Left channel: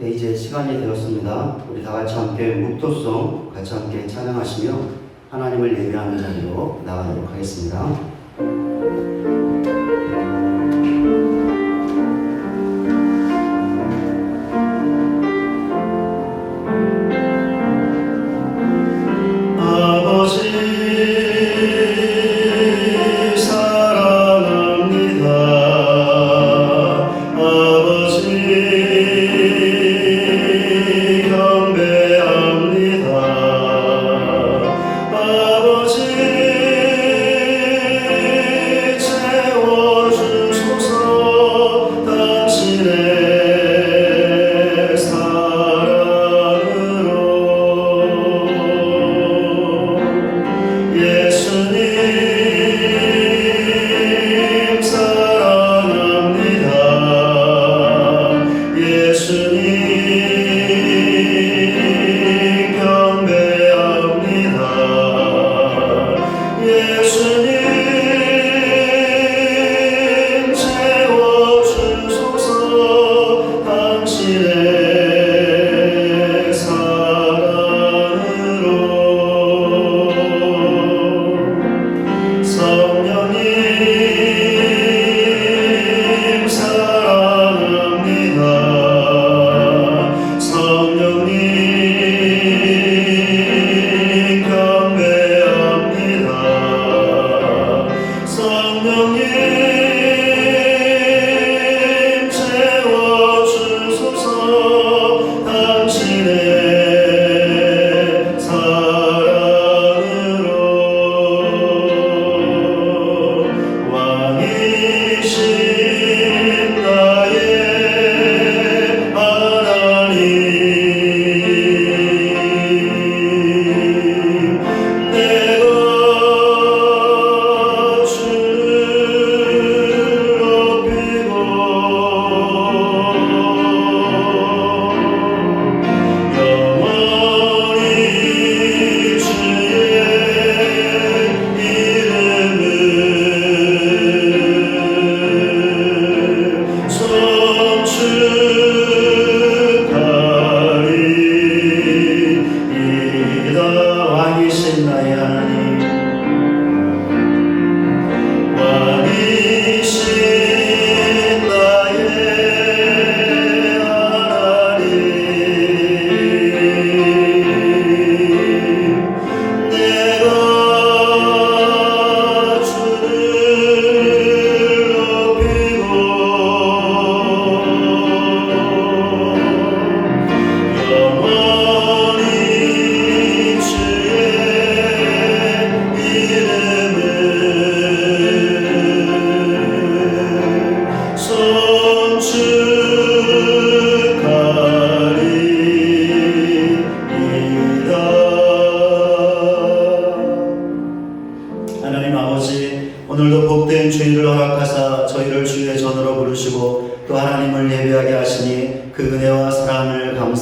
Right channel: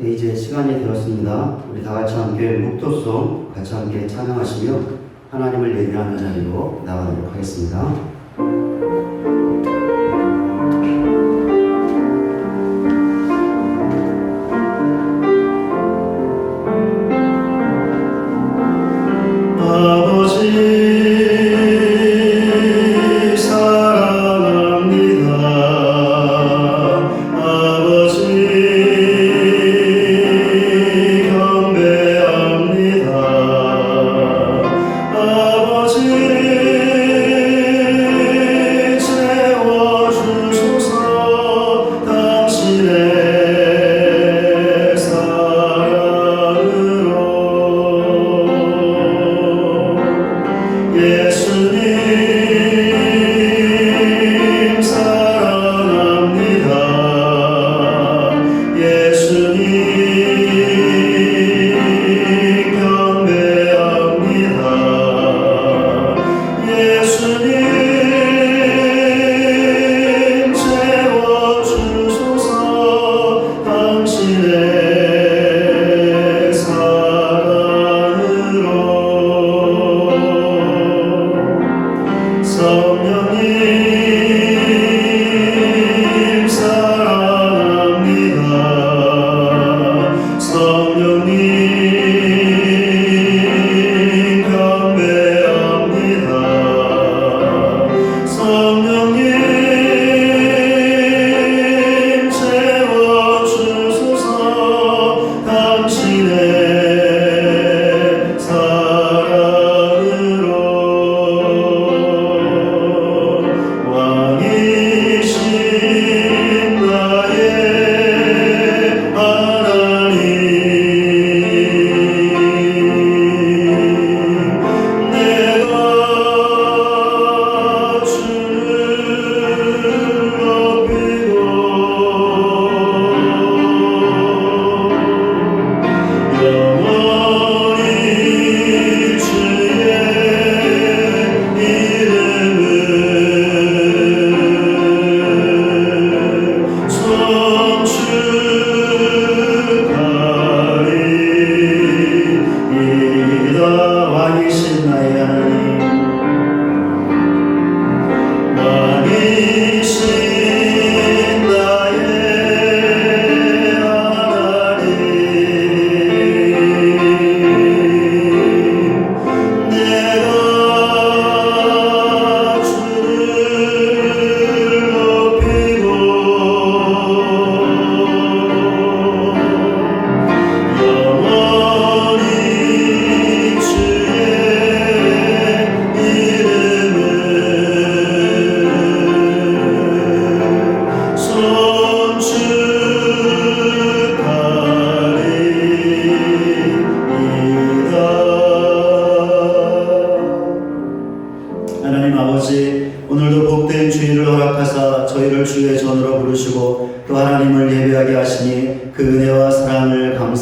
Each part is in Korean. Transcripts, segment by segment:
네, 이제 시간이 되었습니다. 우리 다 같이 함께 묵도송 같이 함께 찬양하시며 하나님을 예배하는 자리로 나가도록 하겠습니다. 아버지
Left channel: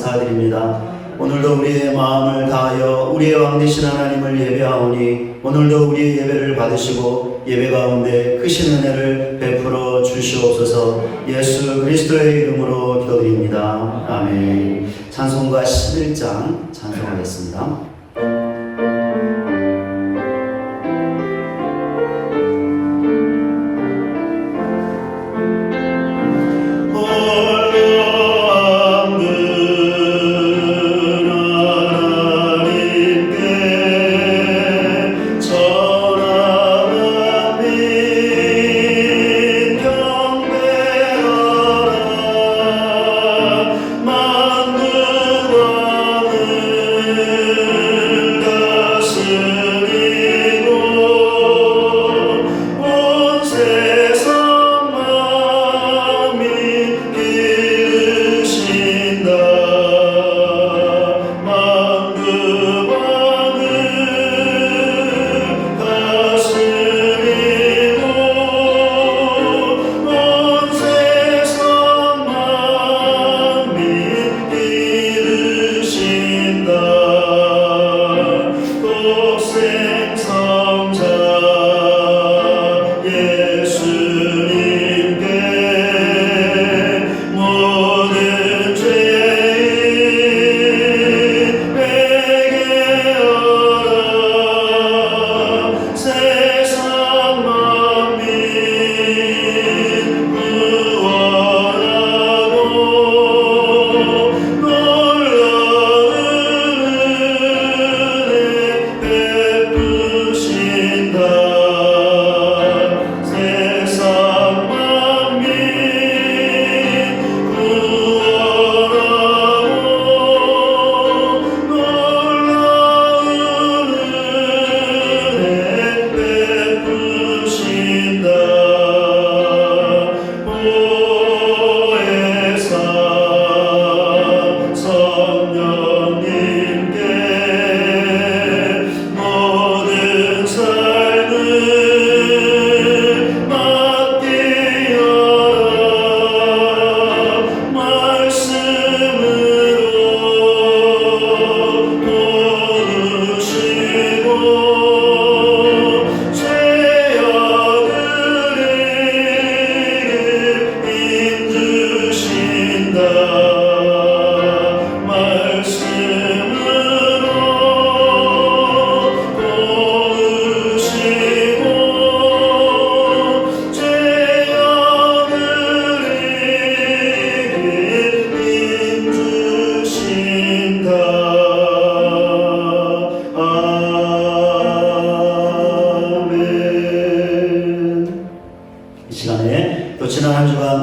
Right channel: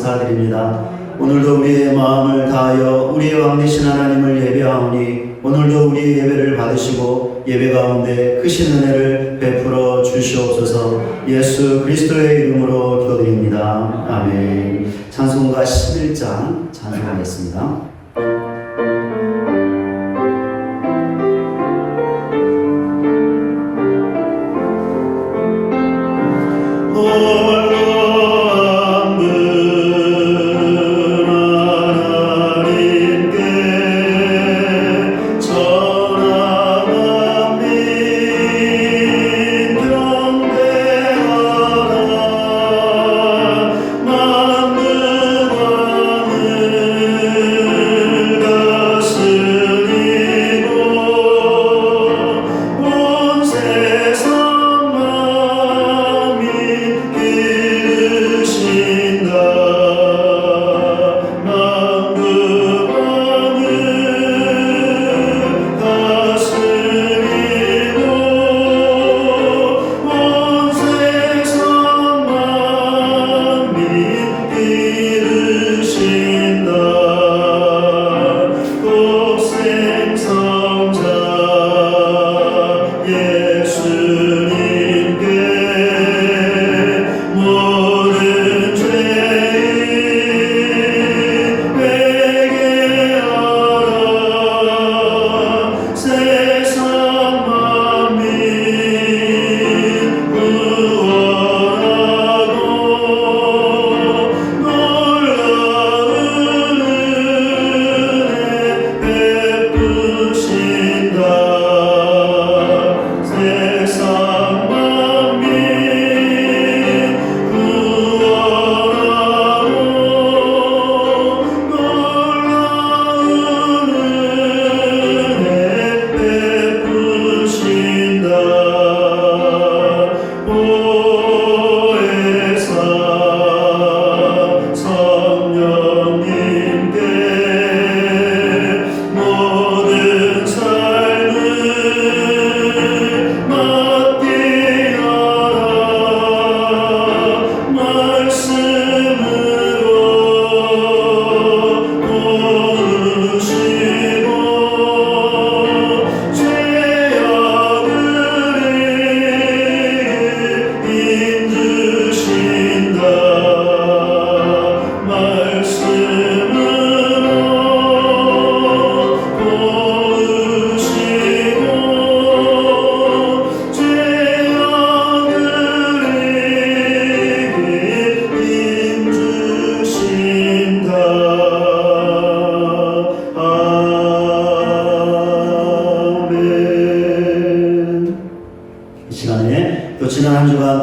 감사드립니다. 오늘도 우리의 마음을 다하여 우리의 왕 되신 하나님을 예배하오니 오늘도 우리의 예배를 받으시고 예배 가운데 크신 은혜를 베풀어 주시옵소서. 예수 그리스도의 이름으로 기도드립니다. 아멘. 찬송가 11장 찬송하겠습니다.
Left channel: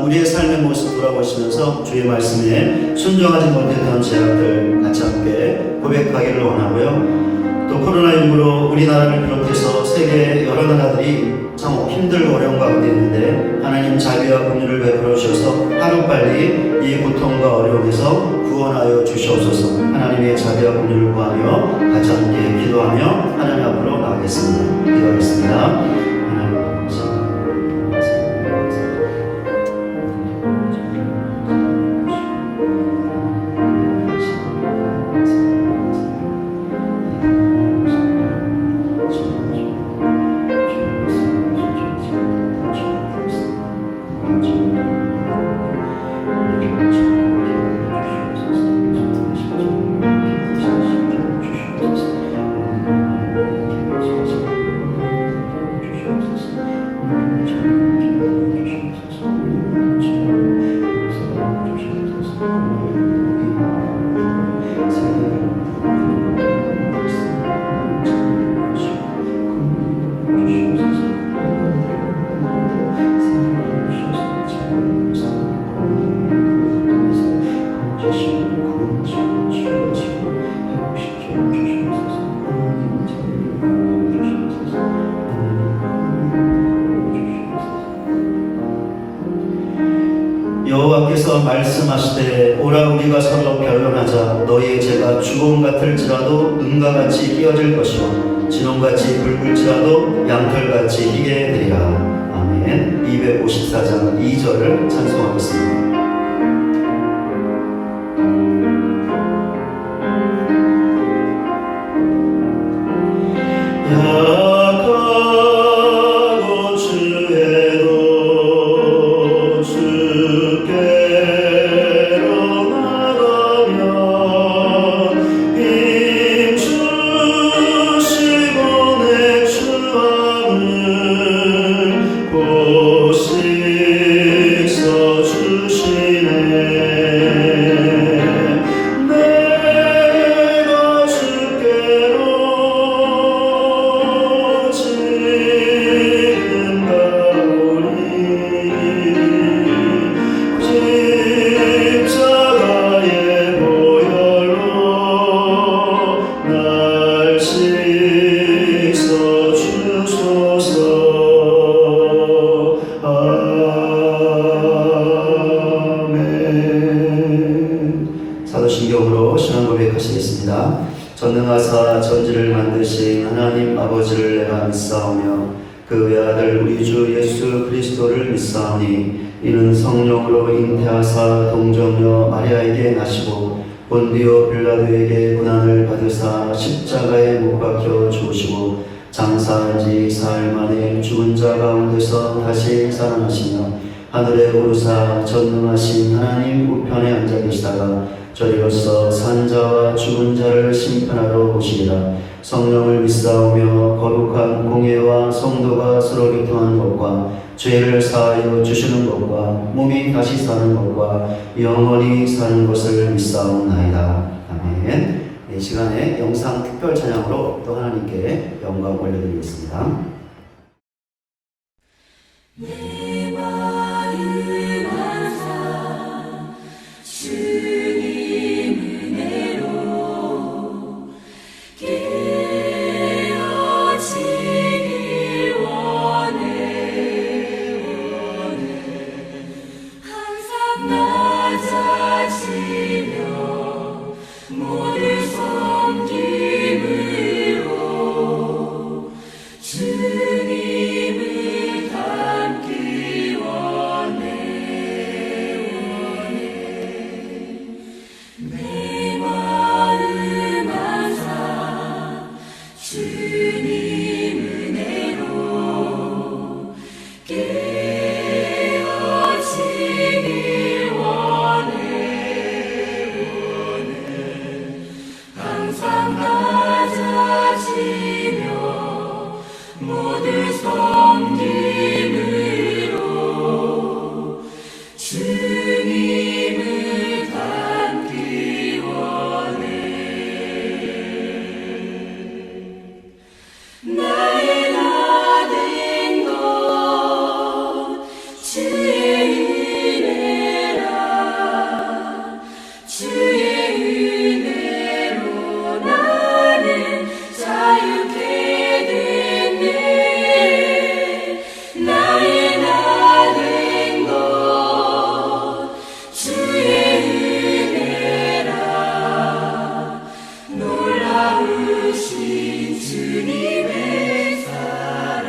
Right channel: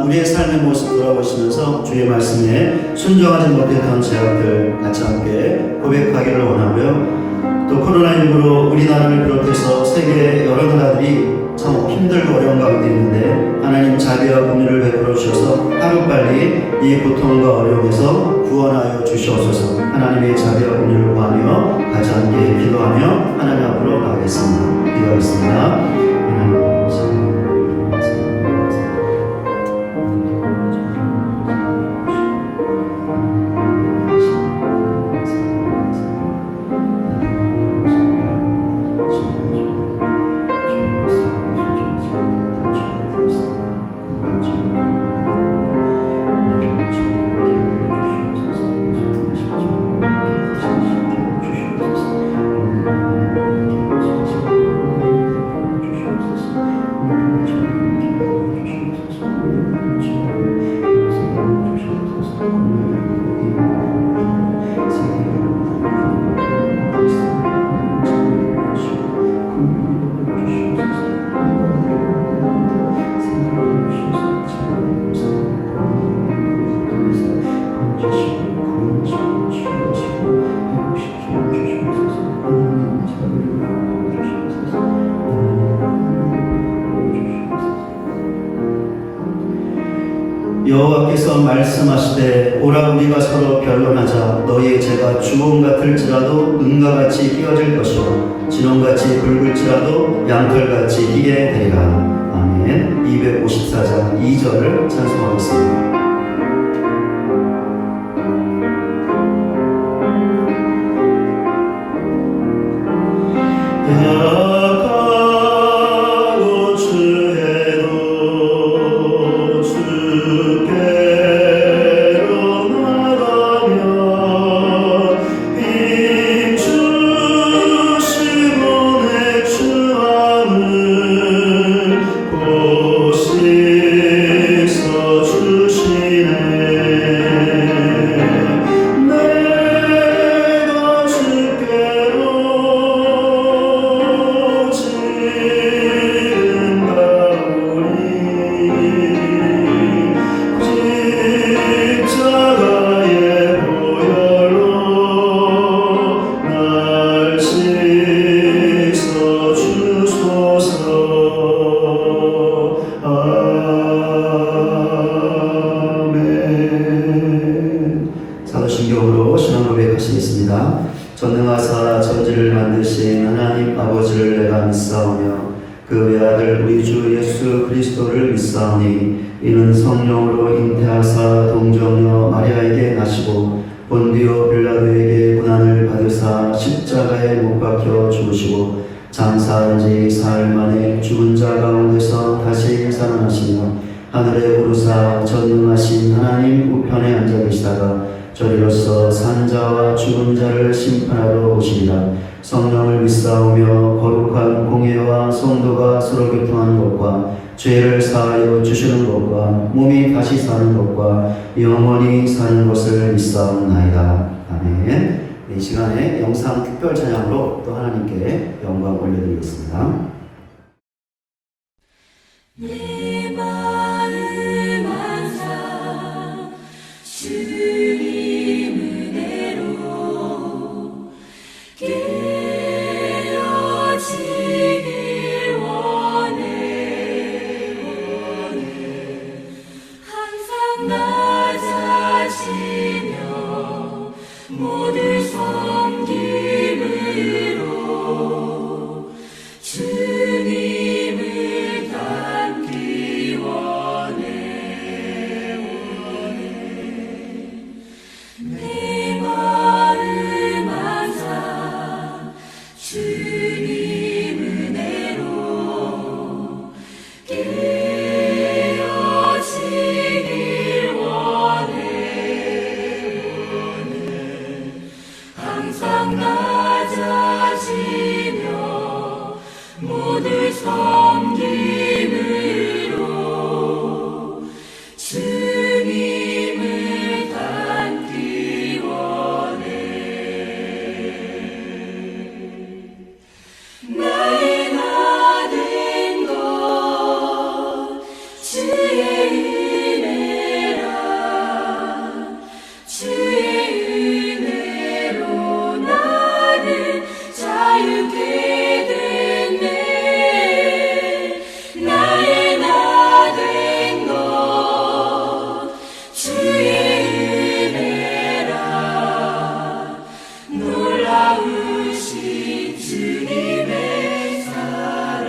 우리의 삶의 모습 돌아보시면서 주의 말씀에 순종하지 못했던 제약들 같이 함께 고백하기를 원하고요. 또 코로나19로 우리나라를 비롯해서 세계 여러 나라들이 참 힘들고 어려운 가운데 있는데 하나님 자비와 긍휼을 베풀어 주셔서 하루빨리 이 고통과 어려움에서 구원하여 주시옵소서. 하나님의 자비와 긍휼을 구하며 같이 함께 기도하며 하나님 앞으로 나가겠습니다. 기도하겠습니다. 여호와께서 말씀하시되 오라 우리가 서로 변론하자. 너희의 죄가 주홍 같을지라도 은과 같이 끼어질 것이요 진홍같이 붉을지라도 양털같이 희게 되리라. 아멘. 254장 2절을 찬송하겠습니다. 기도로 신앙 고백하시겠습니다. 전능하사 천지를 만드신 하나님 아버지를 내가 믿사오며 그 외아들 우리 주 예수 그리스도를 믿사오니 이는 성령으로 잉태하사 동정녀 마리아에게 나시고 본디오 빌라도에게 고난을 받으사 십자가에 못 박혀 죽으시고 장사한 지 사흘 만에 죽은 자 가운데서 다시 살아나시며 하늘에 오르사 전능하신 하나님 우편에 앉아 계시다가 저리로서 산 자와 죽은 자를 심판하러 오시리라. 성령을 믿사오며 거룩한 공예와 성도가 서로 교통하는 것과 죄를 사하여 주시는 것과 몸이 다시 사는 것과 영원히 사는 것을 믿사옵나이다. 아멘. 이 시간에 영상 특별 찬양으로 또 하나님께 영광 올려드리겠습니다. 내 마음 항상 주님 은혜로 깨어지길 원해 항상 낮아지며 모두 섬김으로 주님을 닮기 원해 내 마음 항상 주님 은혜로 깨어지길 원해 항상 낮아지며 모두 섬김으로 주님을 닮기 원해 나의 나 된 것 주의 은혜라 주의 은혜로 나는 자유케 됐네 나의 나 된 것 주의 은혜라 놀라우신 주님의 사랑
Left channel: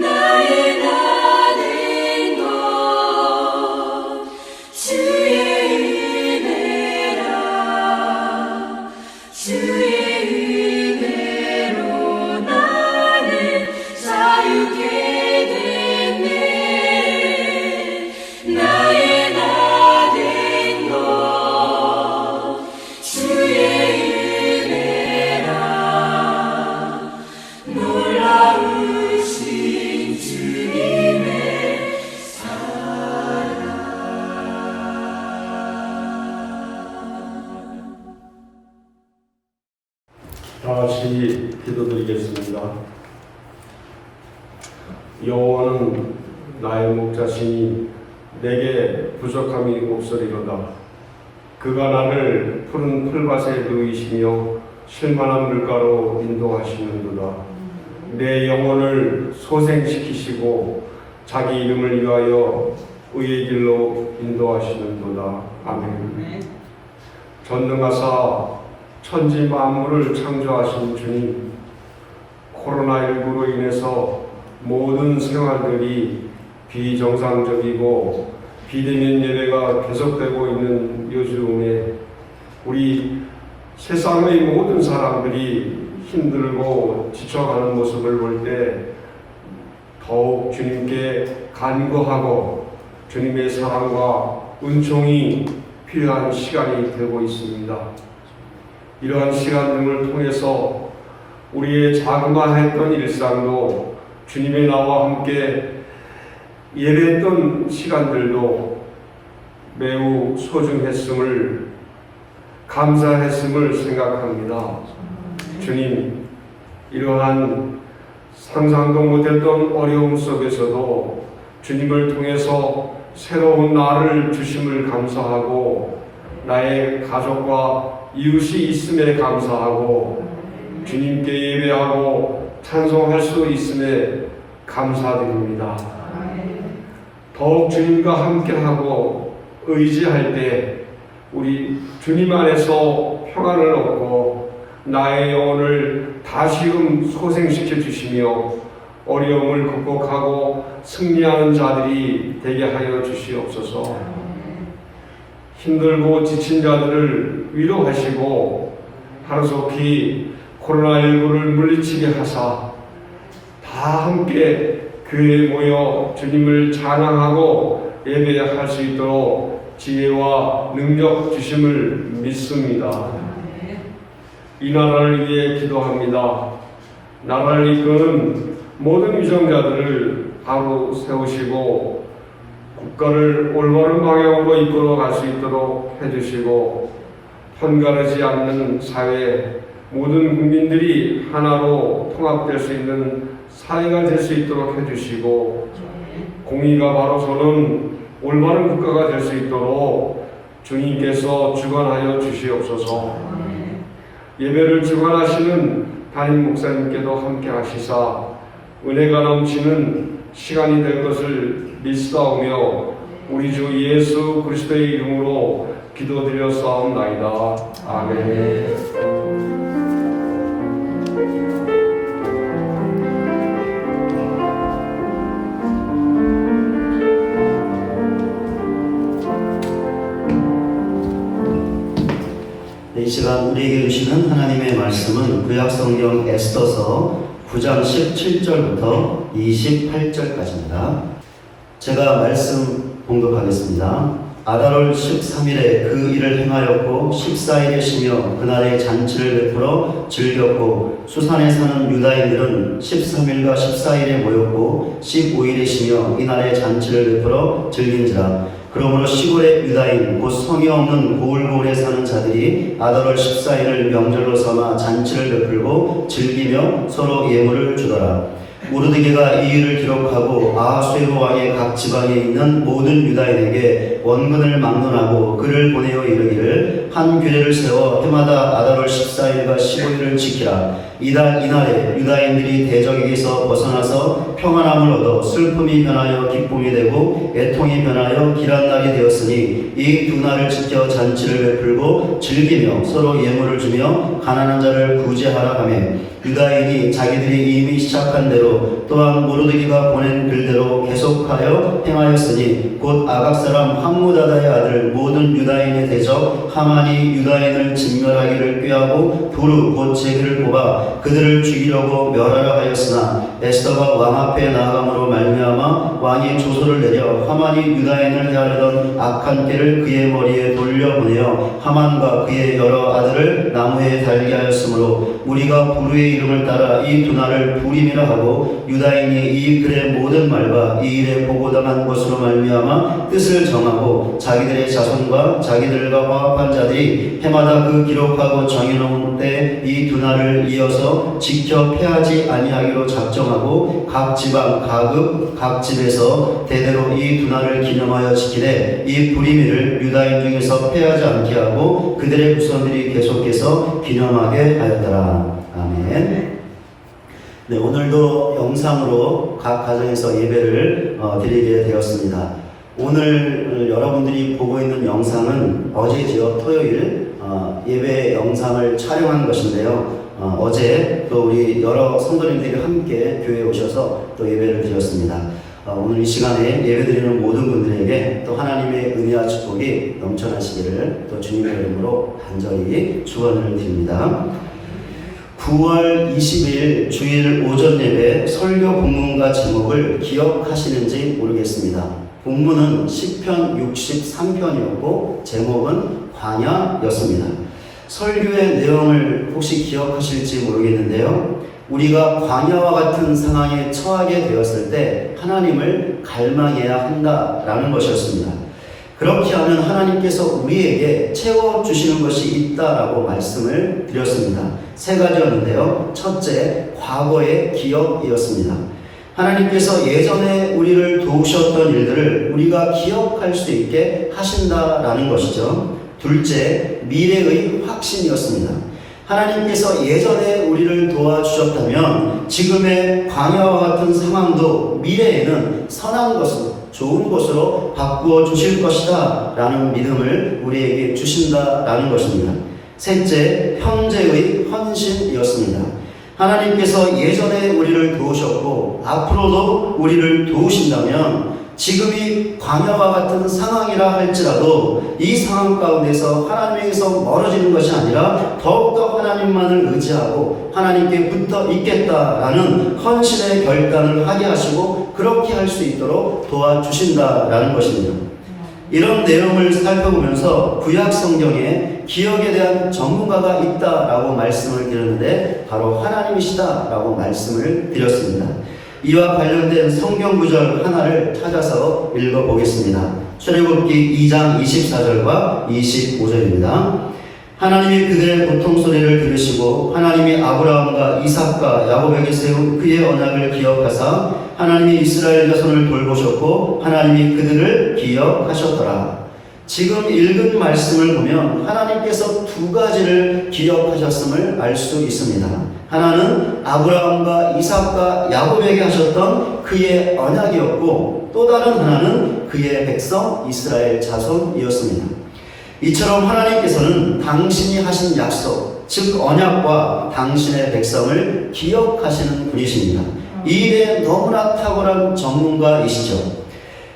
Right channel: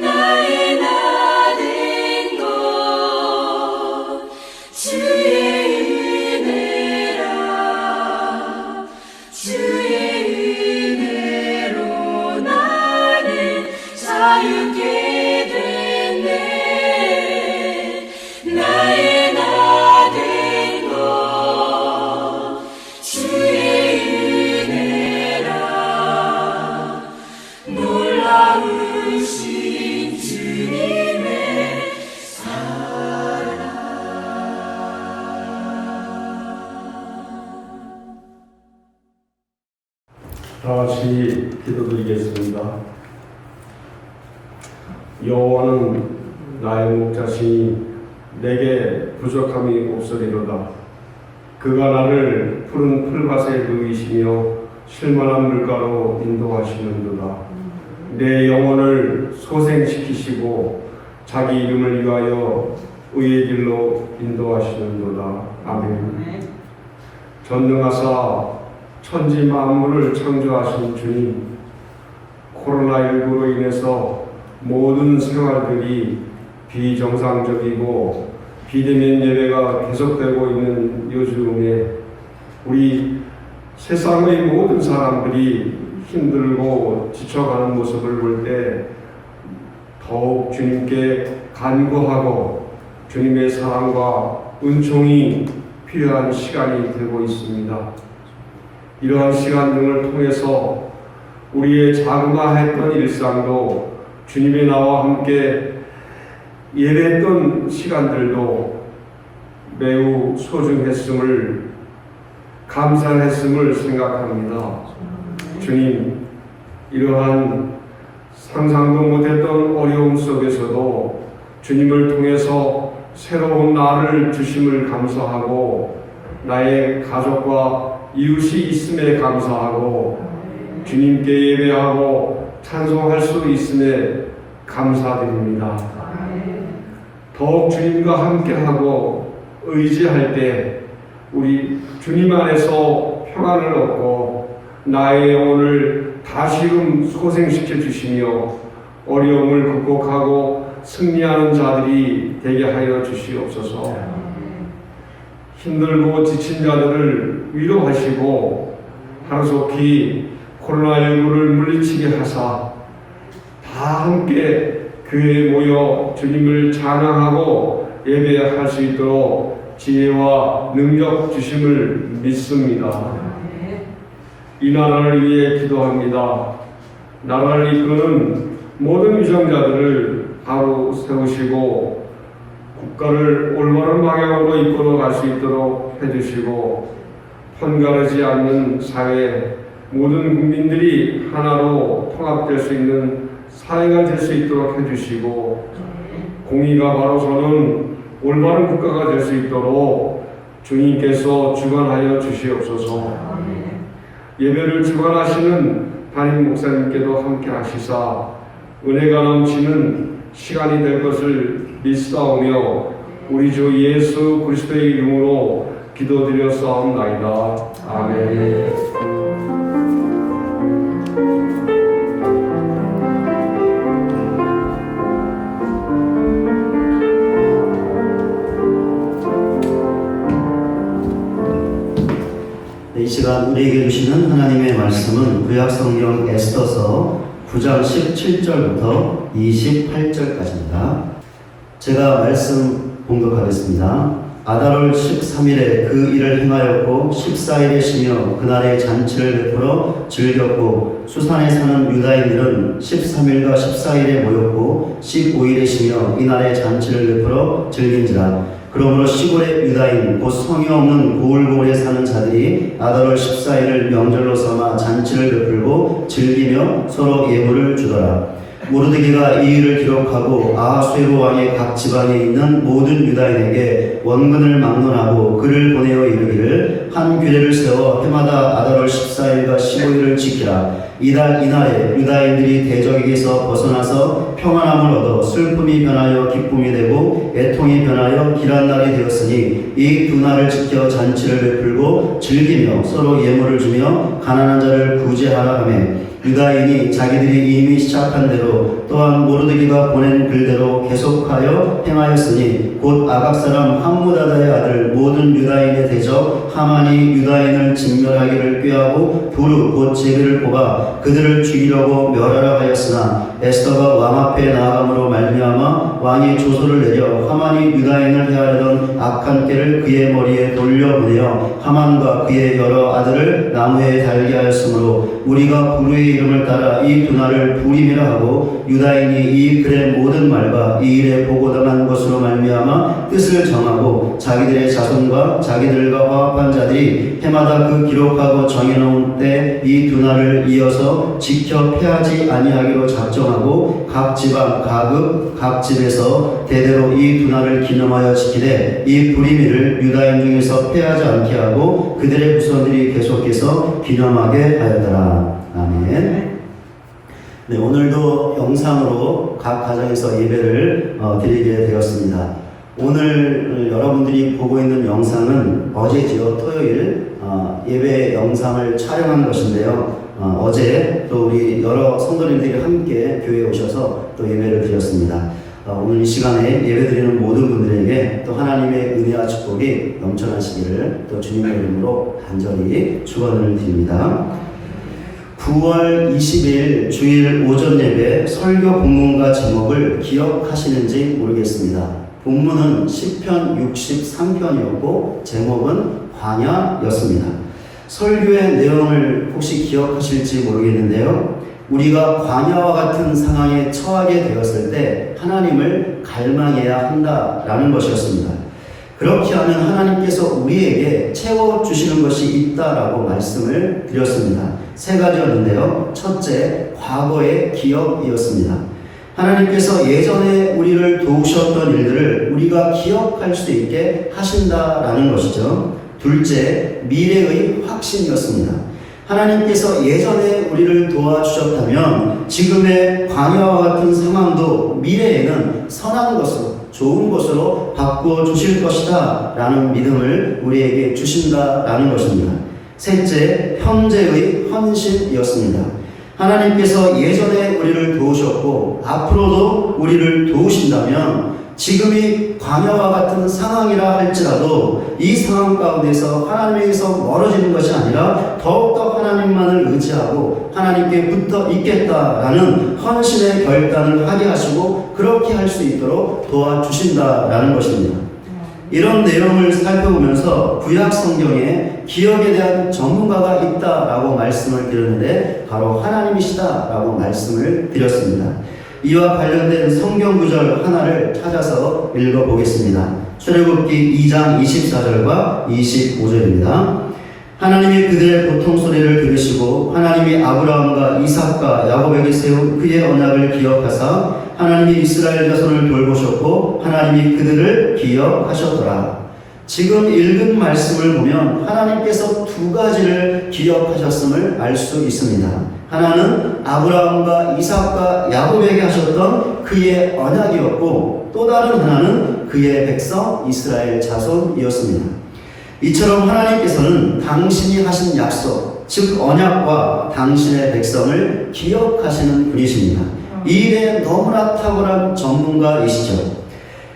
나의 나 된 것 주의 은혜라 주의 은혜로 나는 자유케 됐네 나의 나 된 것 주의 은혜라 놀라우신 주님의 다 같이 기도드리겠습니다. 여호와는 나의 목자시니 내게 부족함이 없으리로다. 그가 나를 푸른 풀밭에 누이시며 쉴만한 물가로 인도하시는도다. 내 영혼을 소생시키시고 자기 이름을 위하여 의의 길로 인도하시는도다. 아멘. 전능하사 천지 만물을 창조하신 주님, 코로나19로 인해서 모든 생활들이 비정상적이고 비대면 예배가 계속되고 있는 요즘에 우리 세상의 모든 사람들이 힘들고 지쳐가는 모습을 볼 때 더욱 주님께 간구하고 주님의 사랑과 은총이 필요한 시간이 되고 있습니다. 이러한 시간 등을 통해서 우리의 자그마했던 일상도 주님의 나와 함께 예배했던 시간들도 매우 소중했음을 감사했음을 생각합니다. 주님, 이러한 상상도 못했던 어려움 속에서도 주님을 통해서 새로운 나를 주심을 감사하고 나의 가족과 이웃이 있음에 감사하고 주님께 예배하고 찬송할 수 있음에 감사드립니다. 더욱 주님과 함께하고 의지할 때 우리 주님 안에서 평안을 얻고 나의 영혼을 다시금 소생시켜 주시며 어려움을 극복하고 승리하는 자들이 되게 하여 주시옵소서. 힘들고 지친 자들을 위로하시고 하루속히 코로나19를 물리치게 하사 다 함께 교회에 모여 주님을 찬양하고 예배할 수 있도록 지혜와 능력 주심을 믿습니다. 이 나라를 위해 기도합니다. 나라를 이끄는 모든 위정자들을 바로 세우시고 국가를 올바른 방향으로 이끌어 갈 수 있도록 해주시고 편가르지 않는 사회, 모든 국민들이 하나로 통합될 수 있는 사회가 될 수 있도록 해주시고 공의가 바로 서는 올바른 국가가 될 수 있도록 주님께서 주관하여 주시옵소서. 예배를 주관하시는 담임 목사님께도 함께 하시사 은혜가 넘치는 시간이 될 것을 믿사오며 우리 주 예수 그리스도의 이름으로 기도드렸사옵나이다. 아멘. 이 시간 우리에게 주시는 하나님의 말씀은 구약성경 에스더서 9장 17절부터 28절까지입니다. 제가 말씀 봉독하겠습니다. 아달월 13일에 그 일을 행하였고 14일에 쉬며 그날에 잔치를 베풀어 즐겼고 수산에 사는 유다인들은 13일과 14일에 모였고 15일에 쉬며 이날에 잔치를 베풀어 즐긴지라. 그러므로 시골의 유다인 곧 성이 없는 고을고을에 사는 자들이 아달월 14일을 명절로 삼아 잔치를 베풀고 즐기며 서로 예물을 주더라. 모르드게가 이 일을 기록하고 아하수에로 왕의 각 지방에 있는 모든 유다인에게 원근을 막론하고 그를 보내어 이르기를 한 규례를 세워 해마다 아달월 14일과 15일을 지키라. 이날에 유다인들이 대적에게서 벗어나서 평안함을 얻어 슬픔이 변하여 기쁨이 되고 애통이 변하여 길한 날이 되었으니 이 두 날을 지켜 잔치를 베풀고 즐기며 서로 예물을 주며 가난한 자를 구제하라 하며 유다인이 자기들이 이미 시작한 대로 또한 모르드게가 보낸 글대로 계속하여 행하였으니 곧 아각 사람 함무다다의 아들 모든 유다인의 대적 하만이 유다인을 진멸하기를 꾀하고 부르 곧 제비를 뽑아 그들을 죽이려고 멸하라 하였으나 에스더가 왕 앞에 나아감으로 말미암아 왕이 조소를 내려 하만이 유다인을 헤아리던 악한 꾀를 그의 머리에 돌려보내어 하만과 그의 여러 아들을 나무에 달게 하였으므로 우리가 부르의 이름을 따라 이 두 날을 부림이라 하고 유다인이 이 글의 모든 말과 이 일에 보고당한 것으로 말미암아 뜻을 정하고 자기들의 자손과 자기들과 화합한 자들이 해마다 그 기록하고 정해놓은 때 이 두 날을 이어서 지켜 패하지 아니하기로 작정하고 각 지방 각 집에서 대대로 이 두 날을 기념하여 지키되 이 부림일을 유다인 중에서 패하지 않게 하고 그들의 후손들이 계속해서 기념하게 하였더라. 아멘. 네, 오늘도 영상으로 각 가정에서 예배를 드리게 되었습니다. 오늘 여러분들이 보고 있는 영상은 어제지요, 토요일 예배 영상을 촬영한 것인데요. 어제 또 우리 여러 성도님들이 함께 교회에 오셔서 또 예배를 드렸습니다. 오늘 이 시간에 예배드리는 모든 분들에게 또 하나님의 은혜와 축복이 넘쳐나시기를 또 주님의 이름으로 간절히 축원을 드립니다. 9월 20일 주일 오전 예배 설교 본문과 제목을 기억하시는지 모르겠습니다. 본문은 시편 63편이었고 제목은 광야였습니다. 설교의 내용을 혹시 기억하실지 모르겠는데요. 우리가 광야와 같은 상황에 처하게 되었을 때 하나님을 갈망해야 한다라는 것이었습니다. 그렇게 하면 하나님께서 우리에게 채워주시는 것이 있다라고 말씀을 드렸습니다. 세 가지였는데요. 첫째, 과거의 기억이었습니다. 하나님께서 예전에 우리를 도우셨던 일들을 우리가 기억할 수 있게 하신다라는 것이죠. 둘째, 미래의 확신이었습니다. 하나님께서 예전에 우리를 도와주셨다면 지금의 광야와 같은 상황도 미래에는 선한 것으로 좋은 곳으로 바꾸어 주실 것이다 라는 믿음을 우리에게 주신다라는 것입니다. 셋째, 형제의 헌신이었습니다. 하나님께서 예전에 우리를 도우셨고 앞으로도 우리를 도우신다면 지금이 광야와 같은 상황이라 할지라도 이 상황 가운데서 하나님에게서 멀어지는 것이 아니라 더욱더 하나님만을 의지하고 하나님께 붙어 있겠다라는 헌신의 결단을 하게 하시고 그렇게 할 수 있도록 도와주신다라는 것입니다. 이런 내용을 살펴보면서 구약 성경에 기억에 대한 전문가가 있다라고 말씀을 드렸는데 바로 하나님이시다라고 말씀을 드렸습니다. 이와 관련된 성경 구절 하나를 찾아서 읽어보겠습니다. 출애굽기 2장 24절과 25절입니다. 하나님이 그들의 고통 소리를 들으시고 하나님이 아브라함과 이삭과 야곱에게 세운 그의 언약을 기억하사 하나님이 이스라엘 자손을 돌보셨고 하나님이 그들을 기억하셨더라. 지금 읽은 말씀을 보면 하나님께서 두 가지를 기억하셨음을 알 수 있습니다. 하나는 아브라함과 이삭과 야곱에게 하셨던 그의 언약이었고 또 다른 하나는 그의 백성 이스라엘 자손이었습니다. 이처럼 하나님께서는 당신이 하신 약속, 즉 언약과 당신의 백성을 기억하시는 분이십니다. 이 일에 너무나 탁월한 전문가이시죠.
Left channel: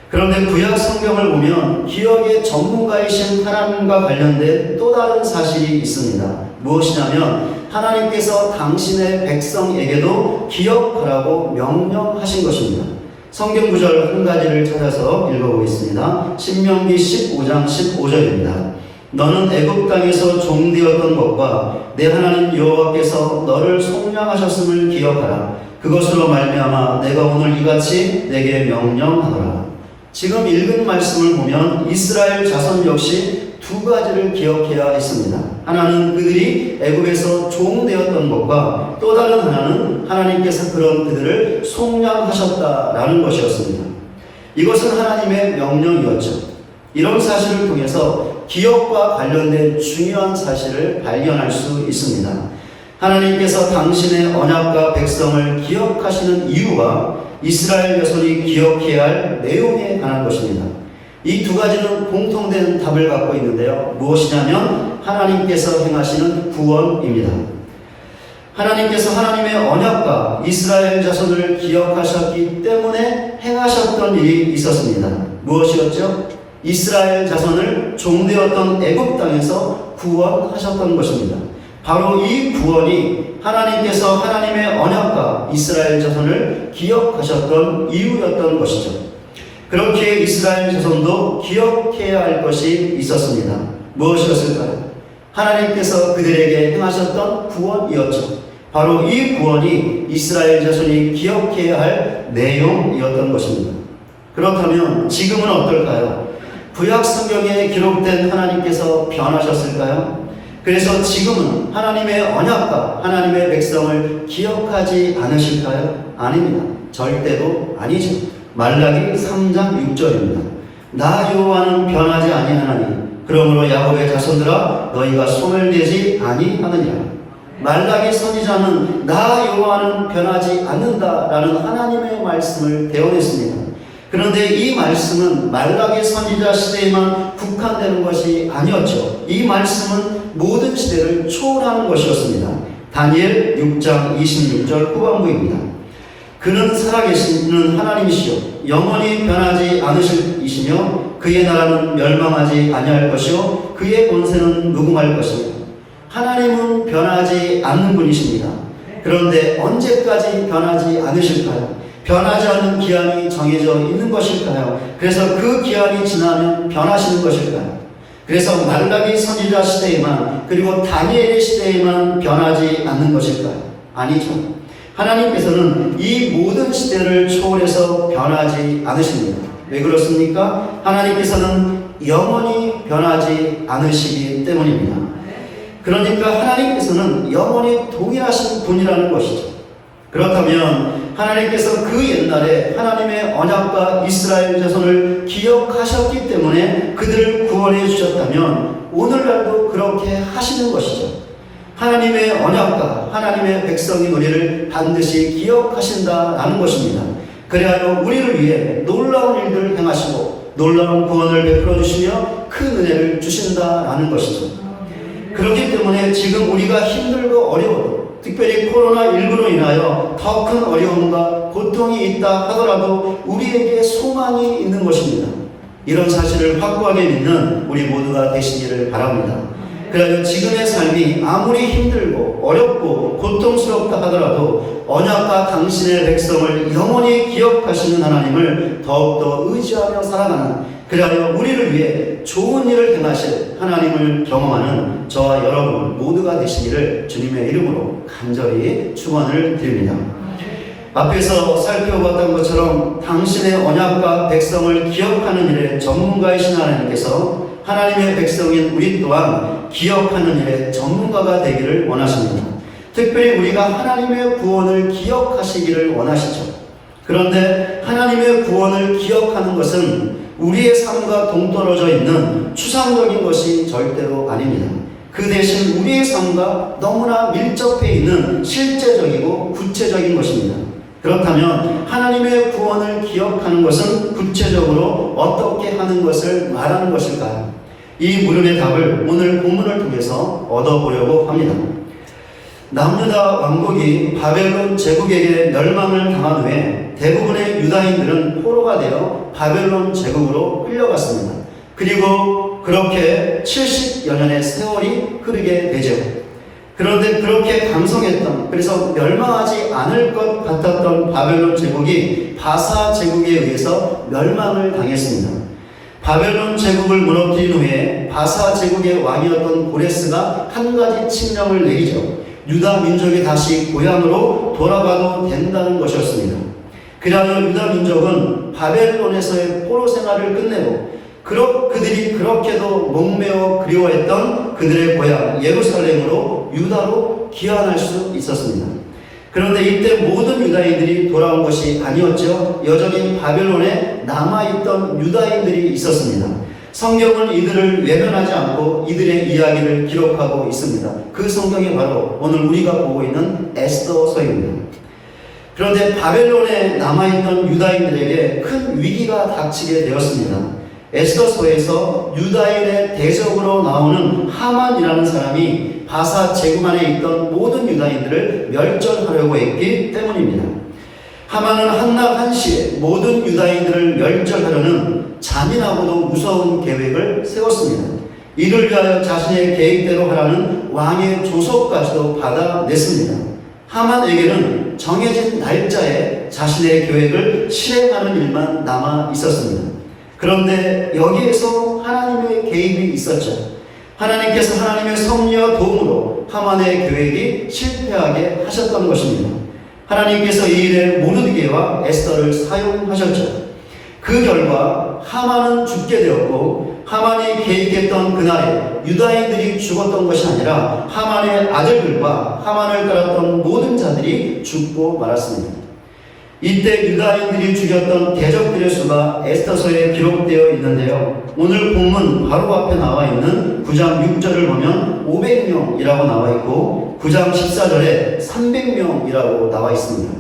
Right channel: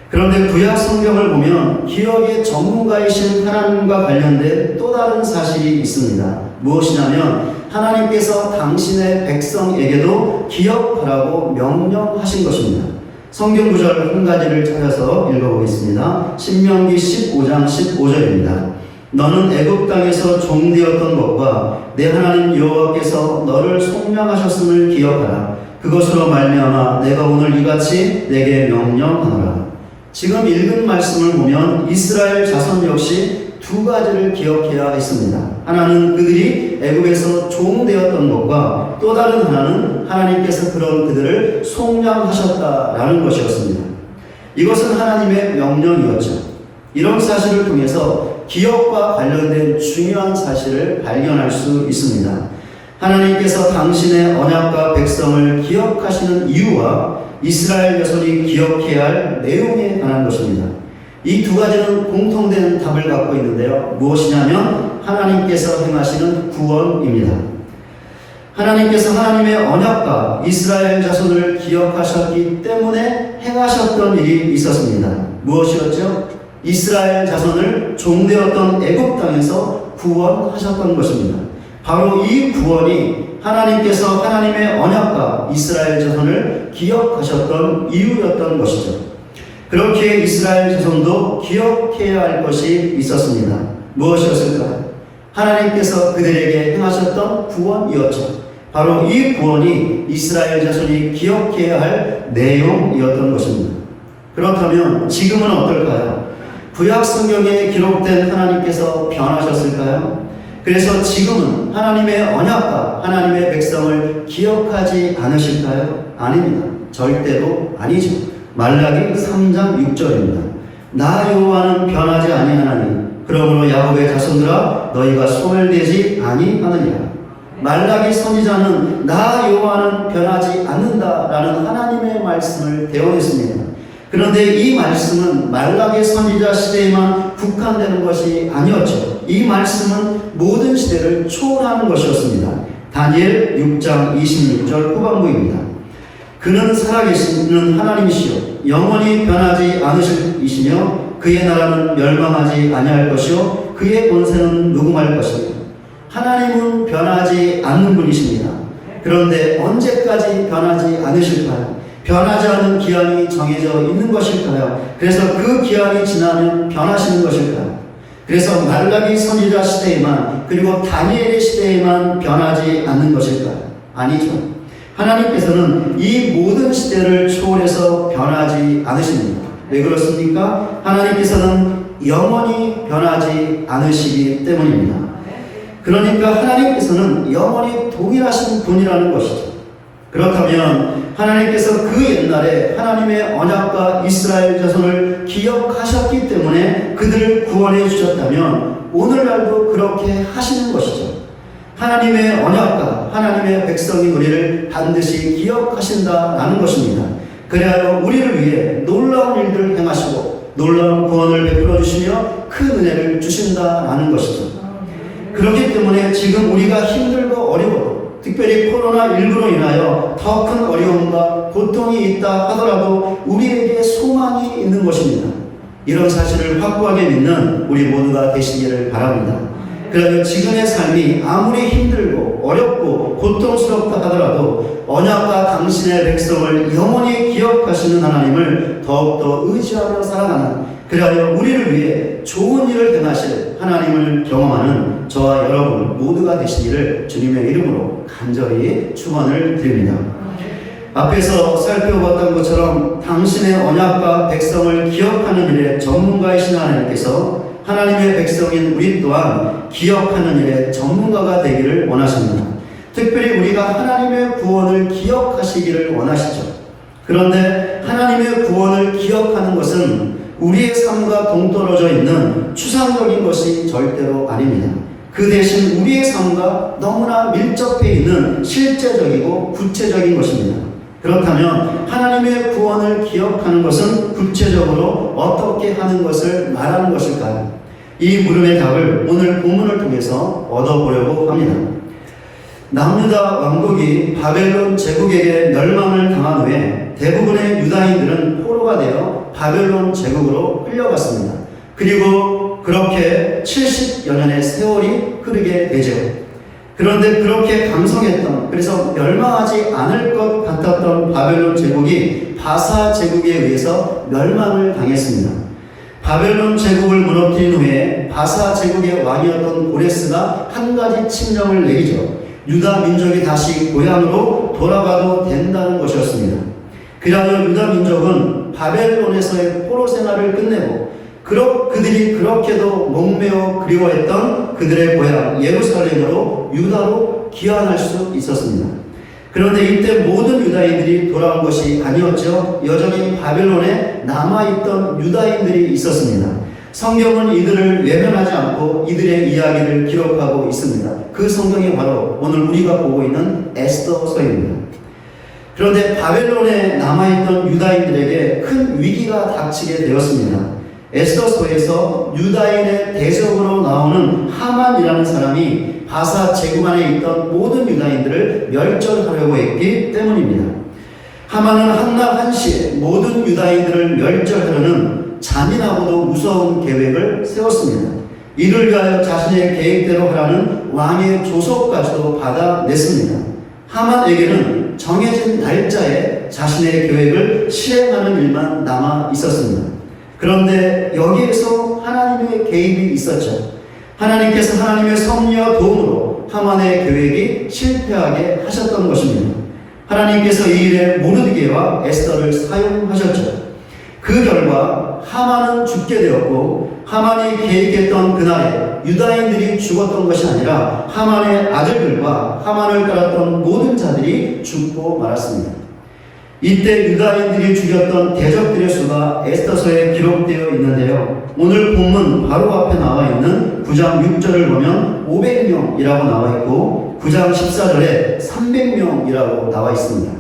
그런데 구약 성경을 보면 기억의 전문가이신 하나님과 관련된 또 다른 사실이 있습니다. 무엇이냐면 하나님께서 당신의 백성에게도 기억하라고 명령하신 것입니다. 성경 구절 한 가지를 찾아서 읽어보겠습니다. 신명기 15장 15절입니다. 너는 애굽 땅에서 종되었던 것과 내 하나님 여호와께서 너를 속량하셨음을 기억하라. 그것으로 말미암아 내가 오늘 이같이 내게 명령하노라. 지금 읽은 말씀을 보면 이스라엘 자손 역시 두 가지를 기억해야 했습니다. 하나는 그들이 애굽에서 종되었던 것과 또 다른 하나는 하나님께서 그런 그들을 속량하셨다라는 것이었습니다. 이것은 하나님의 명령이었죠. 이런 사실을 통해서 기억과 관련된 중요한 사실을 발견할 수 있습니다. 하나님께서 당신의 언약과 백성을 기억하시는 이유와 이스라엘 자손이 기억해야 할 내용에 관한 것입니다. 이 두 가지는 공통된 답을 갖고 있는데요. 무엇이냐면 하나님께서 행하시는 구원입니다. 하나님께서 하나님의 언약과 이스라엘 자손을 기억하셨기 때문에 행하셨던 일이 있었습니다. 무엇이었죠? 이스라엘 자손을 종되었던 애굽 땅에서 구원하셨던 것입니다. 바로 이 구원이 하나님께서 하나님의 언약과 이스라엘 자손을 기억하셨던 이유였던 것이죠. 그렇게 이스라엘 자손도 기억해야 할 것이 있었습니다. 무엇이었을까요? 하나님께서 그들에게 행하셨던 구원이었죠. 바로 이 구원이 이스라엘 자손이 기억해야 할 내용이었던 것입니다. 그렇다면 지금은 어떨까요? 구약 성경에 기록된 하나님께서 변하셨을까요? 그래서 지금은 하나님의 언약과 하나님의 백성을 기억하지 않으실까요? 아닙니다. 절대로 아니죠. 말라기 3장 6절입니다. 나 여호와는 변하지 아니하나니 그러므로 야곱의 자손들아 너희가 소멸되지 아니하느니라. 말라기 선지자는 나 여호와는 변하지 않는다라는 하나님의 말씀을 대언했습니다. 그런데 이 말씀은 말라기 선지자 시대에만 국한되는 것이 아니었죠. 이 말씀은 모든 시대를 초월하는 것이었습니다. 다니엘 6장 26절 후반부입니다. 그는 살아계시는 하나님이시요 영원히 변하지 않으시며 그의 나라는 멸망하지 아니할 것이요 그의 권세는 무궁할 것이며 하나님은 변하지 않는 분이십니다. 그런데 언제까지 변하지 않으실까요? 변하지 않는 기한이 정해져 있는 것일까요? 그래서 그 기한이 지나면 변하시는 것일까요? 그래서 말라기 선지자 시대에만 그리고 다니엘의 시대에만 변하지 않는 것일까요? 아니죠. 하나님께서는 이 모든 시대를 초월해서 변하지 않으십니다. 왜 그렇습니까? 하나님께서는 영원히 변하지 않으시기 때문입니다. 그러니까 하나님께서는 영원히 동일하신 분이라는 것이죠. 그렇다면 하나님께서 그 옛날에 하나님의 언약과 이스라엘 자손을 기억하셨기 때문에 그들을 구원해 주셨다면 오늘날도 그렇게 하시는 것이죠. 하나님의 언약과 하나님의 백성이 우리를 반드시 기억하신다라는 것입니다. 그리하여 우리를 위해 놀라운 일들을 행하시고 놀라운 구원을 베풀어 주시며 큰 은혜를 주신다라는 것이죠. 그렇기 때문에 지금 우리가 힘들고 어려워도 특별히 코로나19로 인하여 더 큰 어려움과 고통이 있다 하더라도 우리에게 소망이 있는 것입니다. 이런 사실을 확고하게 믿는 우리 모두가 되시기를 바랍니다. 그래서 지금의 삶이 아무리 힘들고 어렵고 고통스럽다 하더라도 언약과 당신의 백성을 영원히 기억하시는 하나님을 더욱더 의지하며 살아가는, 그래야 우리를 위해 좋은 일을 행하실 하나님을 경험하는 저와 여러분 모두가 되시기를 주님의 이름으로 간절히 축원을 드립니다. 앞에서 살펴봤던 것처럼 당신의 언약과 백성을 기억하는 일에 전문가이신 하나님께서 하나님의 백성인 우리 또한 기억하는 일에 전문가가 되기를 원하십니다. 특별히 우리가 하나님의 구원을 기억하시기를 원하시죠. 그런데 하나님의 구원을 기억하는 것은 우리의 삶과 동떨어져 있는 추상적인 것이 절대로 아닙니다. 그 대신 우리의 삶과 너무나 밀접해 있는 실제적이고 구체적인 것입니다. 그렇다면 하나님의 구원을 기억하는 것은 구체적으로 어떻게 하는 것을 말하는 것일까요? 이 물음의 답을 오늘 본문을 통해서 얻어보려고 합니다. 남유다 왕국이 바벨론 제국에게 멸망을 당한 후에 대부분의 유다인들은 포로가 되어 바벨론 제국으로 끌려갔습니다. 그리고 그렇게 70여 년의 세월이 흐르게 되죠. 그런데 그렇게 강성했던, 그래서 멸망하지 않을 것 같았던 바벨론 제국이 바사 제국에 의해서 멸망을 당했습니다. 바벨론 제국을 무너뜨린 후에 바사 제국의 왕이었던 고레스가 한 가지 칙령을 내리죠. 유다 민족이 다시 고향으로 돌아가도 된다는 것이었습니다. 그러나 유다 민족은 바벨론에서의 포로 생활을 끝내고 그들이 그렇게도 목매어 그리워했던 그들의 고향 예루살렘으로 유다로 귀환할 수 있었습니다. 그런데 이때 모든 유다인들이 돌아온 것이 아니었죠. 여전히 바벨론에 남아있던 유다인들이 있었습니다. 성경은 이들을 외면하지 않고 이들의 이야기를 기록하고 있습니다. 그 성경이 바로 오늘 우리가 보고 있는 에스더서입니다. 그런데 바벨론에 남아있던 유다인들에게 큰 위기가 닥치게 되었습니다. 에스더서에서 유다인의 대적으로 나오는 하만이라는 사람이 바사 제국 안에 있던 모든 유다인들을 멸절하려고 했기 때문입니다. 하만은 한날 한시에 모든 유다인들을 멸절하려는 잔인하고도 무서운 계획을 세웠습니다. 이를 위하여 자신의 계획대로 하라는 왕의 조서까지도 받아냈습니다. 하만에게는 정해진 날짜에 자신의 계획을 실행하는 일만 남아 있었습니다. 그런데 여기에서 하나님의 개입이 있었죠. 하나님께서 하나님의 섭리와 도움으로 하만의 계획이 실패하게 하셨던 것입니다. 하나님께서 이 일에 모르드게와 에스더를 사용하셨죠. 그 결과 하만은 죽게 되었고, 하만이 계획했던 그날에 유다인들이 죽었던 것이 아니라 하만의 아들들과 하만을 따랐던 모든 자들이 죽고 말았습니다. 이때 유다인들이 죽였던 대적들의 수가 에스더서에 기록되어 있는데요. 오늘 본문 바로 앞에 나와 있는 9장 6절을 보면 500명이라고 나와 있고 9장 14절에 300명이라고 나와 있습니다.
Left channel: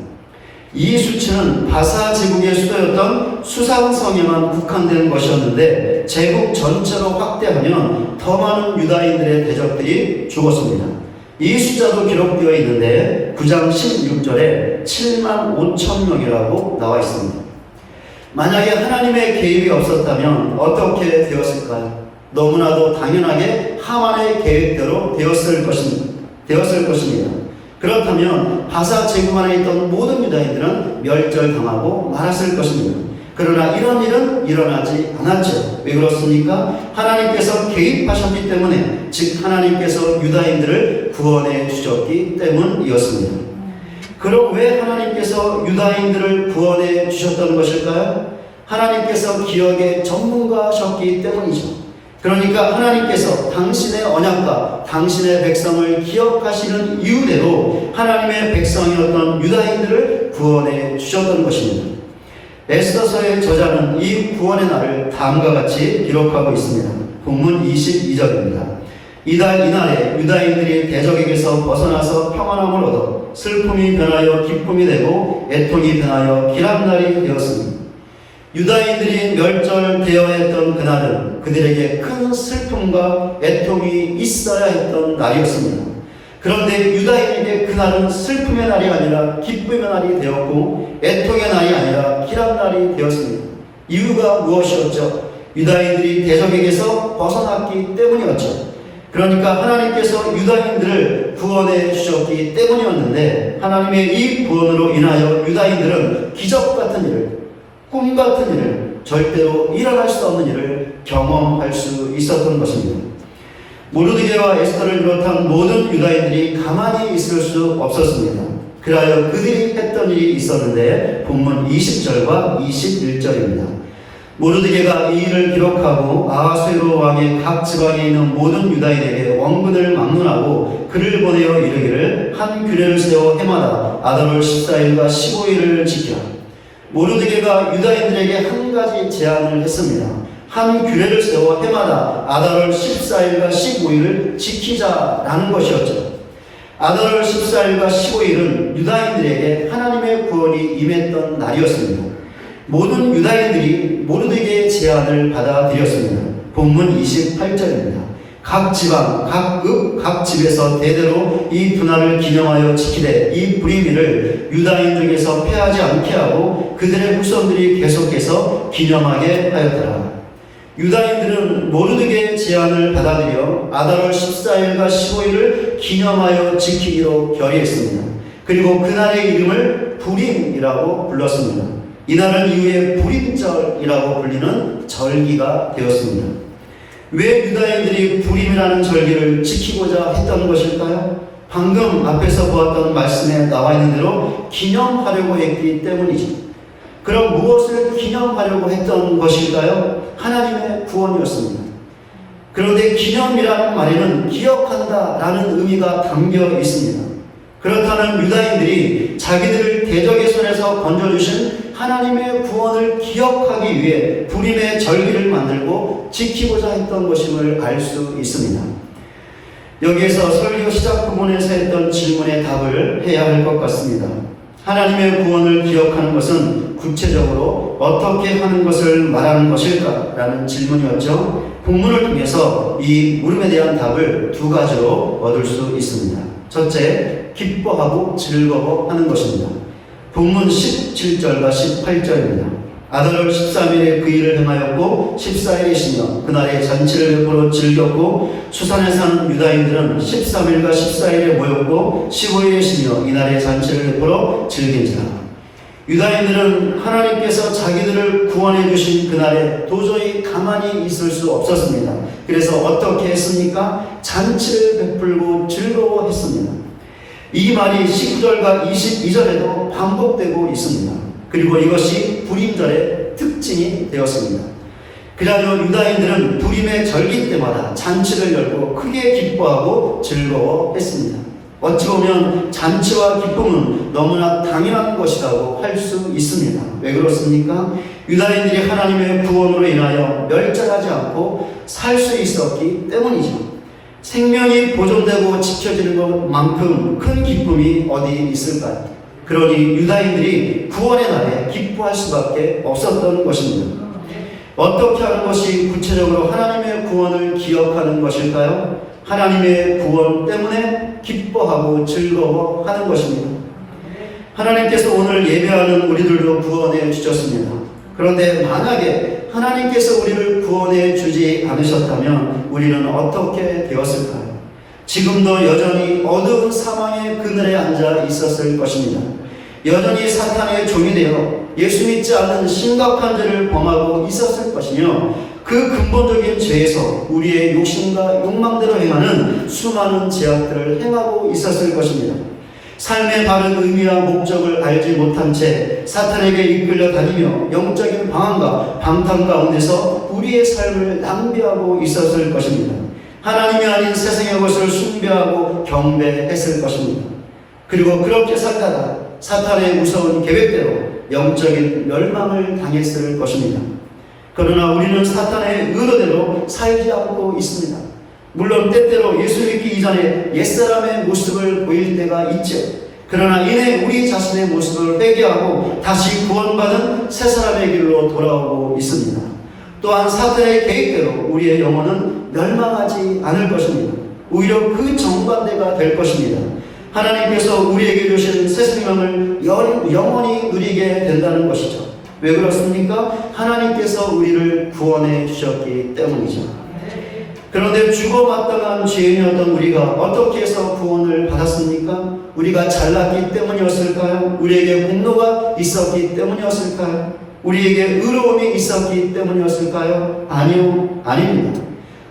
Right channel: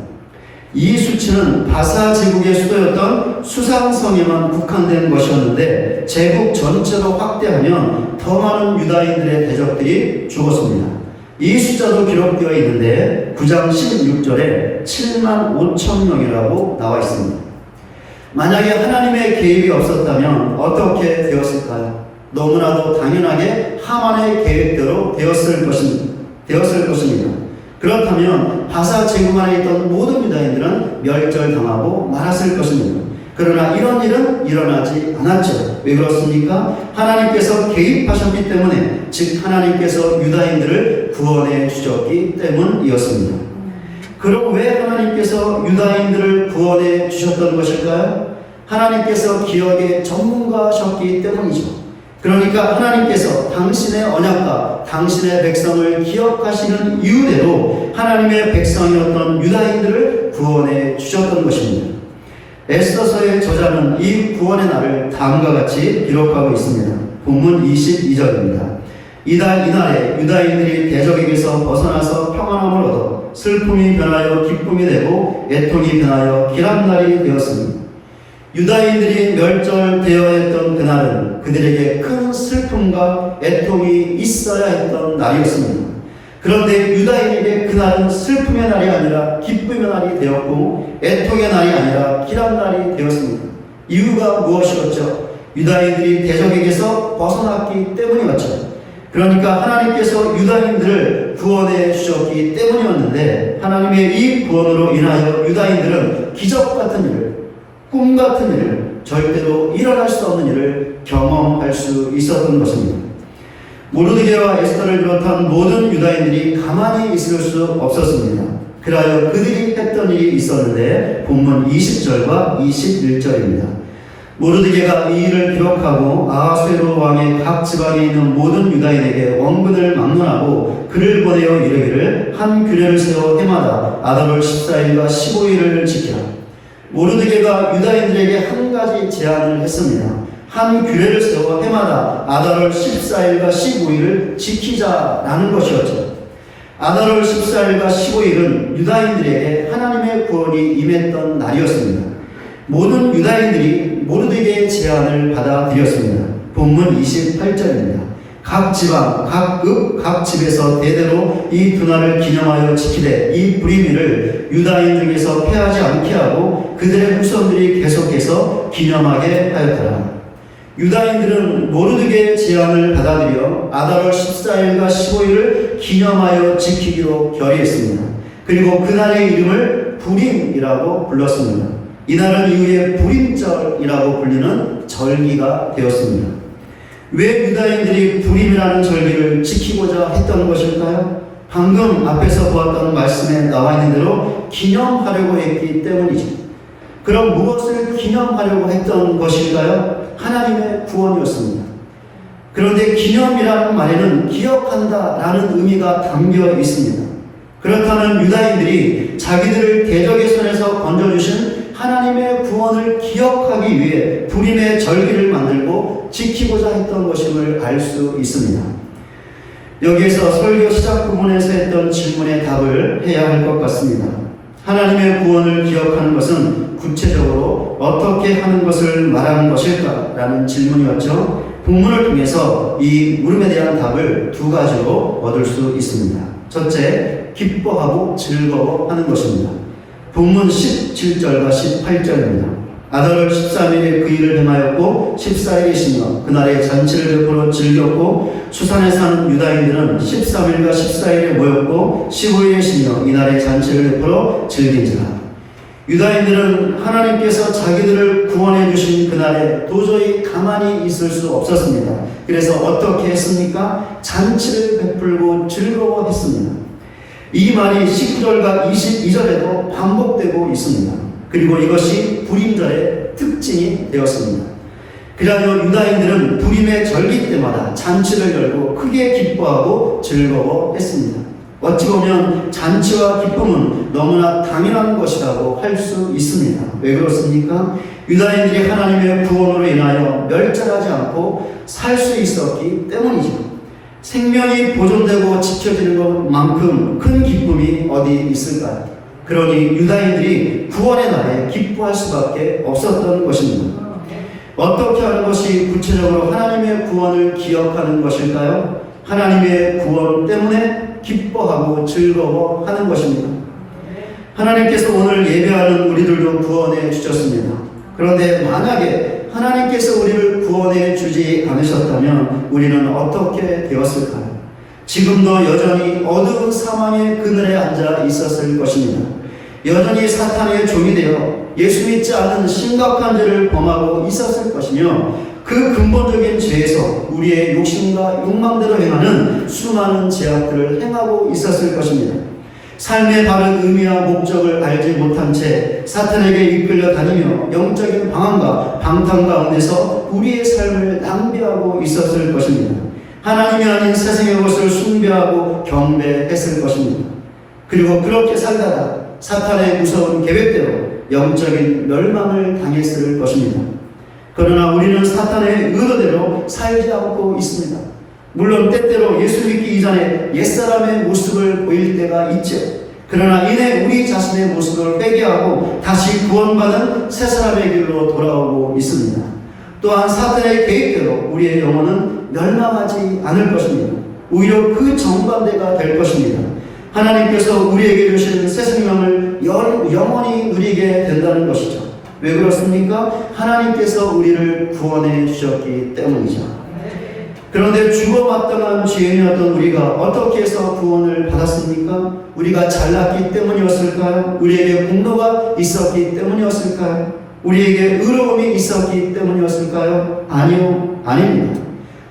이 수치는 바사 제국의 수도였던 수상성에만 국한된 것이었는데 제국 전체로 확대하면 더 많은 유다인들의 대적들이 죽었습니다. 이 숫자도 기록되어 있는데 9장 16절에 7만 5천 명이라고 나와 있습니다. 만약에 하나님의 개입이 없었다면 어떻게 되었을까요? 너무나도 당연하게 하만의 계획대로 되었을 것입니다. 그렇다면 바사 제국 안에 있던 모든 유다인들은 멸절당하고 말았을 것입니다. 그러나 이런 일은 일어나지 않았죠. 왜 그렇습니까? 하나님께서 개입하셨기 때문에, 즉 하나님께서 유다인들을 구원해 주셨기 때문이었습니다. 그럼 왜 하나님께서 유다인들을 구원해 주셨던 것일까요? 하나님께서 기억의 전문가셨기 때문이죠. 그러니까 하나님께서 당신의 언약과 당신의 백성을 기억하시는 이유대로 하나님의 백성이었던 유다인들을 구원해 주셨던 것입니다. 에스더서의 저자는 이 구원의 날을 다음과 같이 기록하고 있습니다. 본문 22절입니다. 이날에 유다인들이 대적에게서 벗어나서 평안함을 얻어 슬픔이 변하여 기쁨이 되고 애통이 변하여 기람날이 되었습니다. 유다인들이 멸절되어야 했던 그날은 그들에게 큰 슬픔과 애통이 있어야 했던 날이었습니다. 그런데 유다인에게 그날은 슬픔의 날이 아니라 기쁨의 날이 되었고 애통의 날이 아니라 기람날이 되었습니다. 이유가 무엇이었죠? 유다인들이 대적에게서 벗어났기 때문이었죠. 그러니까 하나님께서 유다인들을 구원해 주셨기 때문이었는데 하나님의 이 구원으로 인하여 유다인들은 기적 같은 일을, 꿈 같은 일을, 절대로 일어날 수 없는 일을 경험할 수 있었던 것입니다. 모르드게와 에스더를 비롯한 모든 유다인들이 가만히 있을 수 없었습니다. 그래야 그들이 했던 일이 있었는데 본문 20절과 21절입니다. 모르드게가 이 일을 기록하고 아하수에로 왕의 각 지방에 있는 모든 유다인에게 원근을 막론하고 글을 보내어 이르기를 한 규례를 세워 해마다 아달월 14일과 15일을 지키라. 모르드게가 유다인들에게 한 가지 제안을 했습니다. 한 규례를 세워 해마다 아달월 14일과 15일을 지키자라는 것이었죠. 아달월 14일과 15일은 유다인들에게 하나님의 구원이 임했던 날이었습니다. 모든 유다인들이 모르드게의 제안을 받아들였습니다. 본문 28절입니다. 각 지방, 각 읍, 각 집에서 대대로 이 분할을 기념하여 지키되 이 불임이를 유다인 중에서 패하지 않게 하고 그들의 후손들이 계속해서 기념하게 하였더라. 유다인들은 모르드게의 제안을 받아들여 아달월 14일과 15일을 기념하여 지키기로 결의했습니다. 그리고 그날의 이름을 불임이라고 불렀습니다. 이날은 이후에 불임절이라고 불리는 절기가 되었습니다. 왜 유다인들이 불임이라는 절기를 지키고자 했던 것일까요? 방금 앞에서 보았던 말씀에 나와 있는 대로 기념하려고 했기 때문이지. 그럼 무엇을 기념하려고 했던 것일까요? 하나님의 구원이었습니다. 그런데 기념이라는 말에는 기억한다라는 의미가 담겨 있습니다. 그렇다면 유다인들이 자기들을 대적의 손에서 건져주신 하나님의 구원을 기억하기 위해 불임의 절기를 만들고 지키고자 했던 것임을 알 수 있습니다. 여기에서 설교 시작 부분에서 했던 질문의 답을 해야 할 것 같습니다. 하나님의 구원을 기억하는 것은 구체적으로 어떻게 하는 것을 말하는 것일까? 라는 질문이었죠. 본문을 통해서 이 물음에 대한 답을 두 가지로 얻을 수 있습니다. 첫째, 기뻐하고 즐거워하는 것입니다. 본문 17절과 18절입니다. 아달월 13일에 그 일을 행하였고 14일이시며 그날에 잔치를 베풀어 즐겼고 수산에 산 유다인들은 13일과 14일에 모였고 15일이시며 이날에 잔치를 베풀어 즐긴지라. 유다인들은 하나님께서 자기들을 구원해 주신 그날에 도저히 가만히 있을 수 없었습니다. 그래서 어떻게 했습니까? 잔치를 베풀고 즐거워했습니다. 이 말이 19절과 22절에도 반복되고 있습니다. 그리고 이것이 불임절의 특징이 되었습니다. 그리하여 유다인들은 불임의 절기 때마다 잔치를 열고 크게 기뻐하고 즐거워했습니다. 어찌 보면 잔치와 기쁨은 너무나 당연한 것이라고 할 수 있습니다. 왜 그렇습니까? 유다인들이 하나님의 구원으로 인하여 멸절하지 않고 살 수 있었기 때문이죠. 생명이 보존되고 지켜지는 것만큼 큰 기쁨이 어디 있을까요? 그러니 유다인들이 구원의 날에 기뻐할 수밖에 없었던 것입니다. 어떻게 하는 것이 구체적으로 하나님의 구원을 기억하는 것일까요? 하나님의 구원 때문에 기뻐하고 즐거워하는 것입니다. 하나님께서 오늘 예배하는 우리들도 구원해 주셨습니다. 그런데 만약에 하나님께서 우리를 구원해 주지 않으셨다면 우리는 어떻게 되었을까요? 지금도 여전히 어두운 사망의 그늘에 앉아 있었을 것입니다. 여전히 사탄의 종이 되어 예수 믿지 않는 심각한 죄를 범하고 있었을 것이며 그 근본적인 죄에서 우리의 욕심과 욕망대로 행하는 수많은 죄악들을 행하고 있었을 것입니다. 삶의 바른 의미와 목적을 알지 못한 채 사탄에게 이끌려 다니며 영적인 방황과 방탕 가운데서 우리의 삶을 낭비하고 있었을 것입니다. 하나님이 아닌 세상의 것을 숭배하고 경배했을 것입니다. 그리고 그렇게 살다가 사탄의 무서운 계획대로 영적인 멸망을 당했을 것입니다. 그러나 우리는 사탄의 의도대로 살지 않고 있습니다. 물론 때때로 예수 믿기 이전에 옛사람의 모습을 보일 때가 있죠. 그러나 이내 우리 자신의 모습을 회개하고 다시 구원받은 새 사람의 길로 돌아오고 있습니다. 또한 사탄의 계획대로 우리의 영혼은 멸망하지 않을 것입니다. 오히려 그 정반대가 될 것입니다. 하나님께서 우리에게 주신 새 생명을 영원히 누리게 된다는 것이죠. 왜 그렇습니까? 하나님께서 우리를 구원해 주셨기 때문이죠. 그런데 죽어마땅한 죄인이었던 우리가 어떻게 해서 구원을 받았습니까? 우리가 잘났기 때문이었을까요? 우리에게 공로가 있었기 때문이었을까요? 우리에게 의로움이 있었기 때문이었을까요? 아니요, 아닙니다.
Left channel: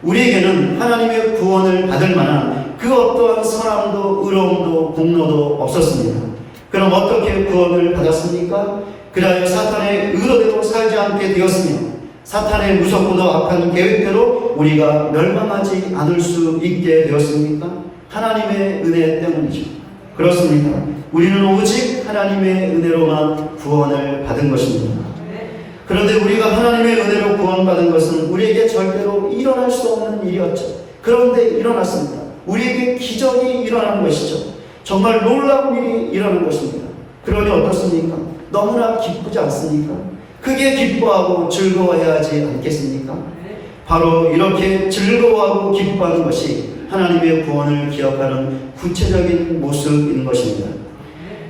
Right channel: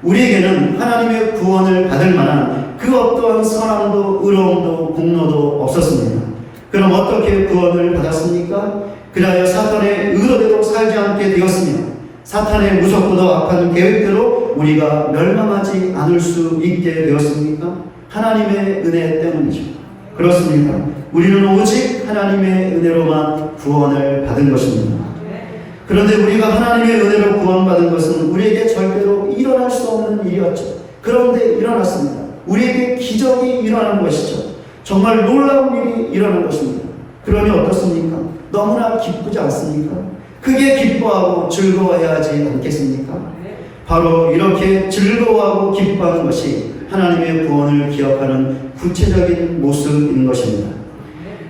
우리에게는 하나님의 구원을 받을 만한 그 어떠한 선함도 의로움도 공로도 없었습니다. 그럼 어떻게 구원을 받았습니까? 그리하여 사탄의 의도대로 살지 않게 되었으며 사탄의 무섭고도 악한 계획대로 우리가 멸망하지 않을 수 있게 되었습니까? 하나님의 은혜 때문이죠. 그렇습니다. 우리는 오직 하나님의 은혜로만 구원을 받은 것입니다. 그런데 우리가 하나님의 은혜로 구원받은 것은 우리에게 절대로 일어날 수 없는 일이었죠. 그런데 일어났습니다. 우리에게 기적이 일어난 것이죠. 정말 놀라운 일이 일어난 것입니다. 그러니 어떻습니까? 너무나 기쁘지 않습니까? 크게 기뻐하고 즐거워해야 하지 않겠습니까? 바로 이렇게 즐거워하고 기뻐하는 것이 하나님의 구원을 기억하는 구체적인 모습인 것입니다.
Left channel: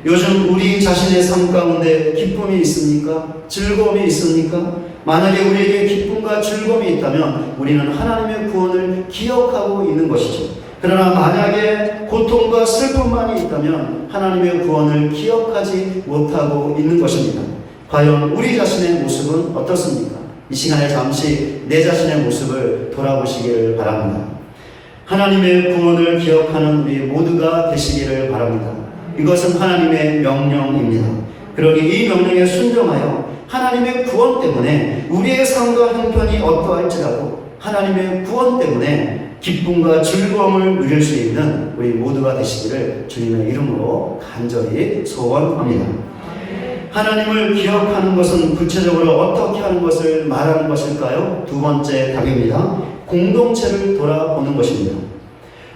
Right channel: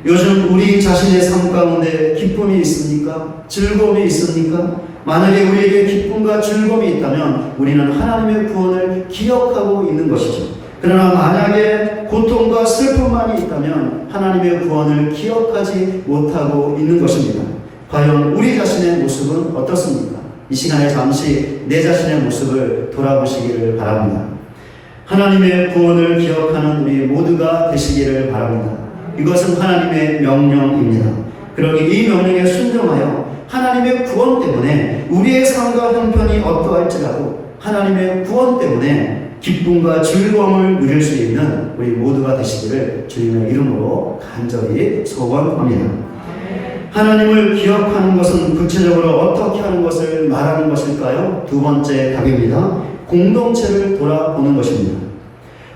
요즘 우리 자신의 삶 가운데 기쁨이 있습니까? 즐거움이 있습니까? 만약에 우리에게 기쁨과 즐거움이 있다면 우리는 하나님의 구원을 기억하고 있는 것이죠. 그러나 만약에 고통과 슬픔만이 있다면 하나님의 구원을 기억하지 못하고 있는 것입니다. 과연 우리 자신의 모습은 어떻습니까? 이 시간에 잠시 내 자신의 모습을 돌아보시기를 바랍니다. 하나님의 구원을 기억하는 우리 모두가 되시기를 바랍니다. 이것은 하나님의 명령입니다. 그러니 이 명령에 순종하여 하나님의 구원 때문에 우리의 삶과 형편이 어떠할지라도 하나님의 구원 때문에 기쁨과 즐거움을 누릴 수 있는 우리 모두가 되시기를 주님의 이름으로 간절히 소원합니다. 하나님을 기억하는 것은 구체적으로 어떻게 하는 것을 말하는 것일까요? 두 번째 답입니다. 공동체를 돌아보는 것입니다.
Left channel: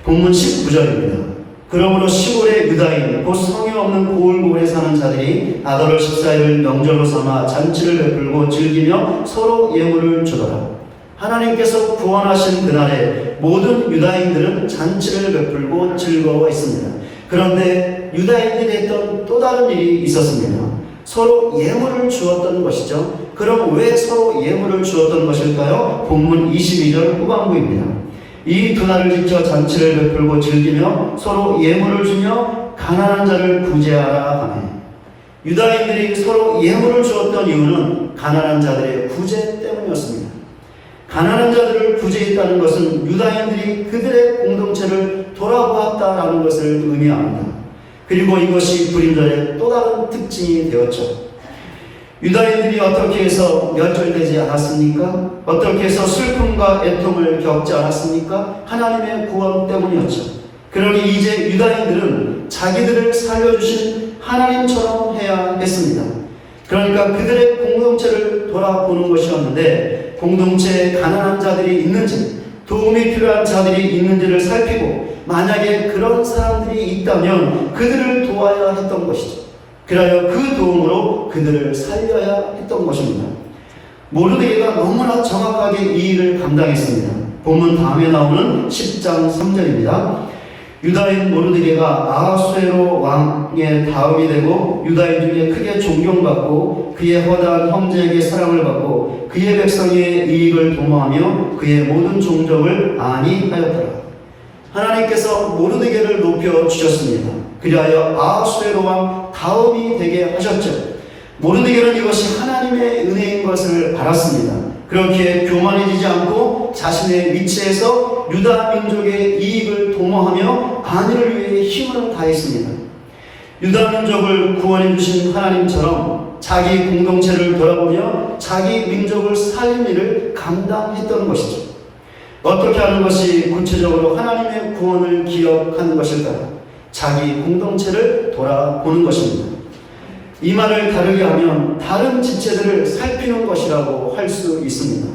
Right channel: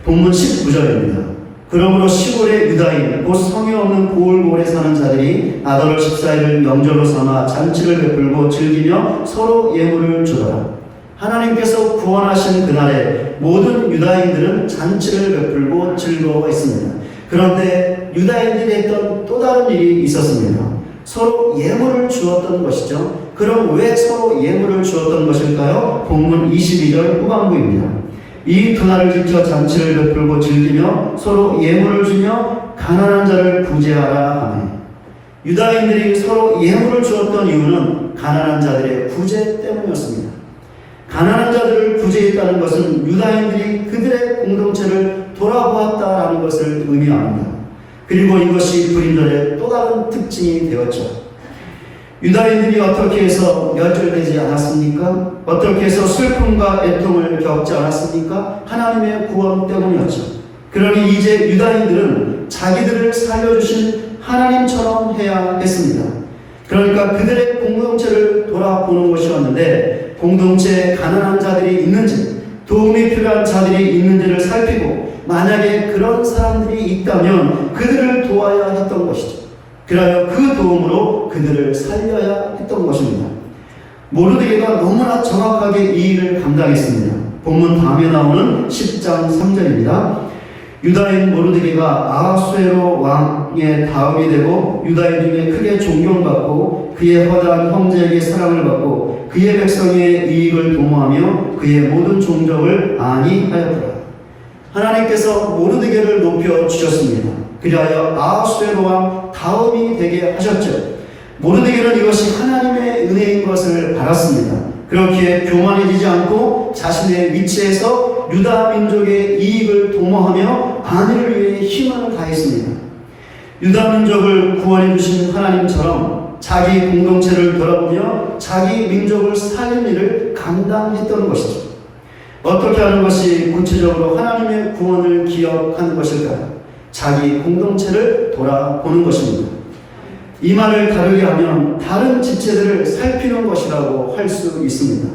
본문 19절입니다. 그러므로 시골의 유다인 곧 성이 없는 고을고을에 사는 자들이 아더월 14일을 명절로 삼아 잔치를 베풀고 즐기며 서로 예물을 주더라. 하나님께서 구원하신 그날에 모든 유다인들은 잔치를 베풀고 즐거워했습니다. 그런데 유다인들이 했던 또 다른 일이 있었습니다. 서로 예물을 주었던 것이죠. 그럼 왜 서로 예물을 주었던 것일까요? 본문 22절 후반부입니다. 이 두 날을 지켜 잔치를 베풀고 즐기며 서로 예물을 주며 가난한 자를 구제하라 하며, 유다인들이 서로 예물을 주었던 이유는 가난한 자들의 구제 때문이었습니다. 가난한 자들을 구제했다는 것은 유다인들이 그들의 공동체를 돌아보았다라는 것을 의미합니다. 그리고 이것이 불임절의 또 다른 특징이 되었죠. 유다인들이 어떻게 해서 멸절되지 않았습니까? 어떻게 해서 슬픔과 애통을 겪지 않았습니까? 하나님의 구원 때문이었죠. 그러니 이제 유다인들은 자기들을 살려주신 하나님처럼 해야 했습니다. 그러니까 그들의 공동체를 돌아보는 것이었는데, 공동체에 가난한 자들이 있는지, 도움이 필요한 자들이 있는지를 살피고 만약에 그런 사람들이 있다면 그들을 도와야 했던 것이죠. 그래야 그 도움으로 그들을 살려야 했던 것입니다. 모르드게가 너무나 정확하게 이 일을 감당했습니다. 본문 다음에 나오는 10장 3절입니다. 유다인 모르드게가 아하수에로 왕의 다음이 되고 유다인 중에 크게 존경받고 그의 허다한 형제에게 사랑을 받고 그의 백성의 이익을 도모하며 그의 모든 종족을 안위하였더라. 하나님께서 모르드게를 높여 주셨습니다. 그리하여 아하수에로 왕 다음이 되게 하셨죠. 모르드게는 이것이 하나님의 은혜인 것을 알았습니다. 그렇게 교만해지지 않고 자신의 위치에서 유다 민족의 이익을 도모하며 안위를 위해 힘을 다했습니다. 유다 민족을 구원해 주신 하나님처럼 자기 공동체를 돌아보며 자기 민족을 살린 일을 감당했던 것이죠. 어떻게 하는 것이 구체적으로 하나님의 구원을 기억하는 것일까요? 자기 공동체를 돌아보는 것입니다. 이 말을 다르게 하면 다른 지체들을 살피는 것이라고 할 수 있습니다.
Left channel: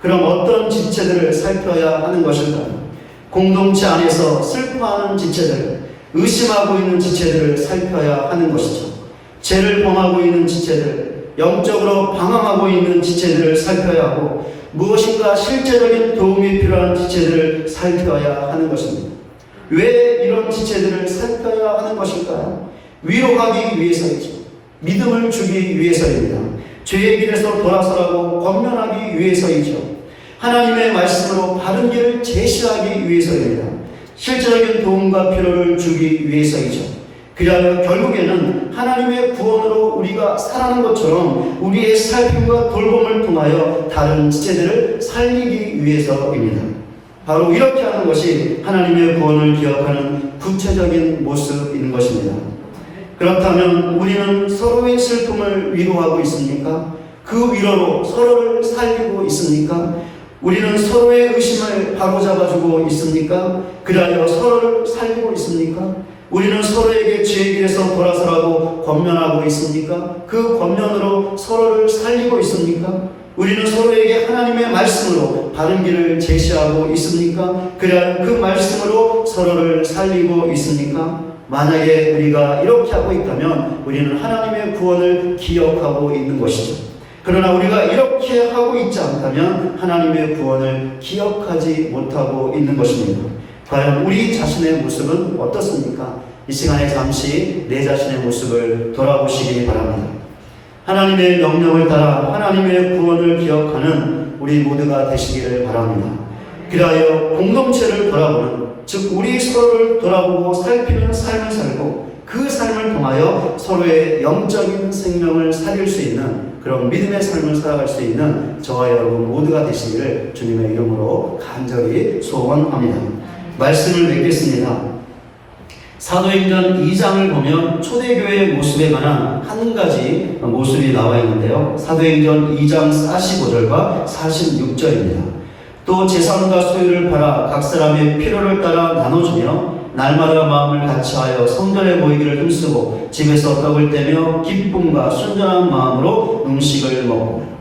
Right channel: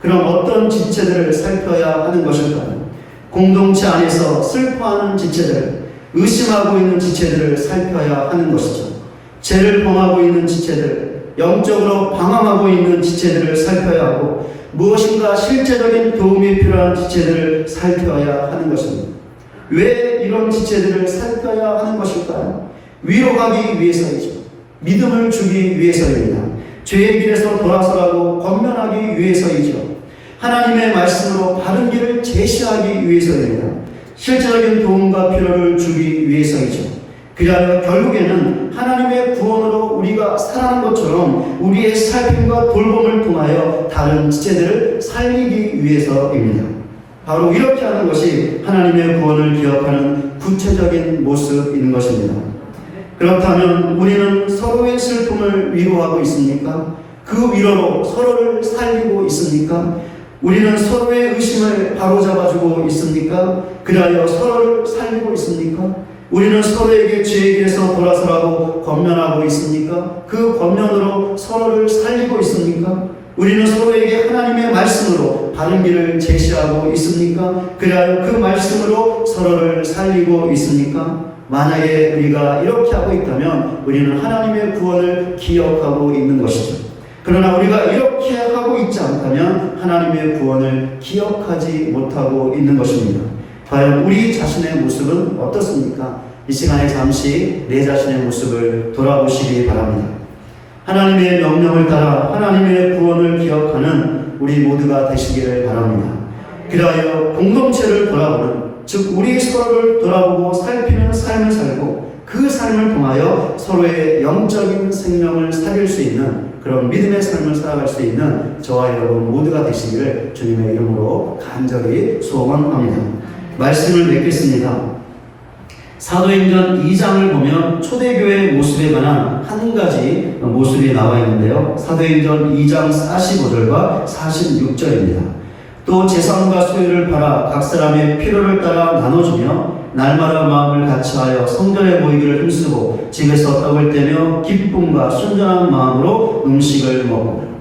그럼 어떤 지체들을 살펴야 하는 것일까요? 공동체 안에서 슬퍼하는 지체들, 의심하고 있는 지체들을 살펴야 하는 것이죠. 죄를 범하고 있는 지체들, 영적으로 방황하고 있는 지체들을 살펴야 하고 무엇인가 실제적인 도움이 필요한 지체들을 살펴야 하는 것입니다. 왜 이런 지체들을 살펴야 하는 것일까요? 위로하기 위해서이죠. 믿음을 주기 위해서입니다. 죄의 길에서 돌아서라고 권면하기 위해서이죠. 하나님의 말씀으로 바른 길을 제시하기 위해서입니다. 실제적인 도움과 필요를 주기 위해서이죠. 그리하여 결국에는 하나님의 구원으로 우리가 살아가는 것처럼 우리의 살핌과 돌봄을 통하여 다른 지체들을 살리기 위해서입니다. 바로 이렇게 하는 것이 하나님의 구원을 기억하는 구체적인 모습인 것입니다. 그렇다면 우리는 서로의 슬픔을 위로하고 있습니까? 그 위로로 서로를 살리고 있습니까? 우리는 서로의 의심을 바로잡아주고 있습니까? 그리하여 서로를 살리고 있습니까? 우리는 서로에게 죄의 길에서 돌아서라고 권면하고 있습니까? 그 권면으로 서로를 살리고 있습니까? 우리는 서로에게 하나님의 말씀으로 바른 길을 제시하고 있습니까? 그리하여 그 말씀으로 서로를 살리고 있습니까? 만약에 우리가 이렇게 하고 있다면 우리는 하나님의 구원을 기억하고 있는 것이죠. 그러나 우리가 이렇게 하고 있지 않다면 하나님의 구원을 기억하지 못하고 있는 것입니다. 과연 우리 자신의 모습은 어떻습니까? 이 시간에 잠시 내 자신의 모습을 돌아보시기 바랍니다. 하나님의 명령을 따라 하나님의 구원을 기억하는 우리 모두가 되시기를 바랍니다. 그리하여 공동체를 돌아보는, 즉 우리 서로를 돌아보고 살피는 삶을 살고 그 삶을 통하여 서로의 영적인 생명을 살릴 수 있는 그런 믿음의 삶을 살아갈 수 있는 저와 여러분 모두가 되시기를 주님의 이름으로 간절히 소원합니다. 말씀을 맺겠습니다. 사도행전 2장을 보면 초대교회의 모습에 관한 한 가지 모습이 나와 있는데요. 사도행전 2장 45절과 46절입니다. 또 재산과 소유를 팔아 각 사람의 필요를 따라 나눠주며 날마다 마음을 같이하여 성전에 모이기를 힘쓰고 집에서 떡을 떼며 기쁨과 순전한 마음으로 음식을 먹고.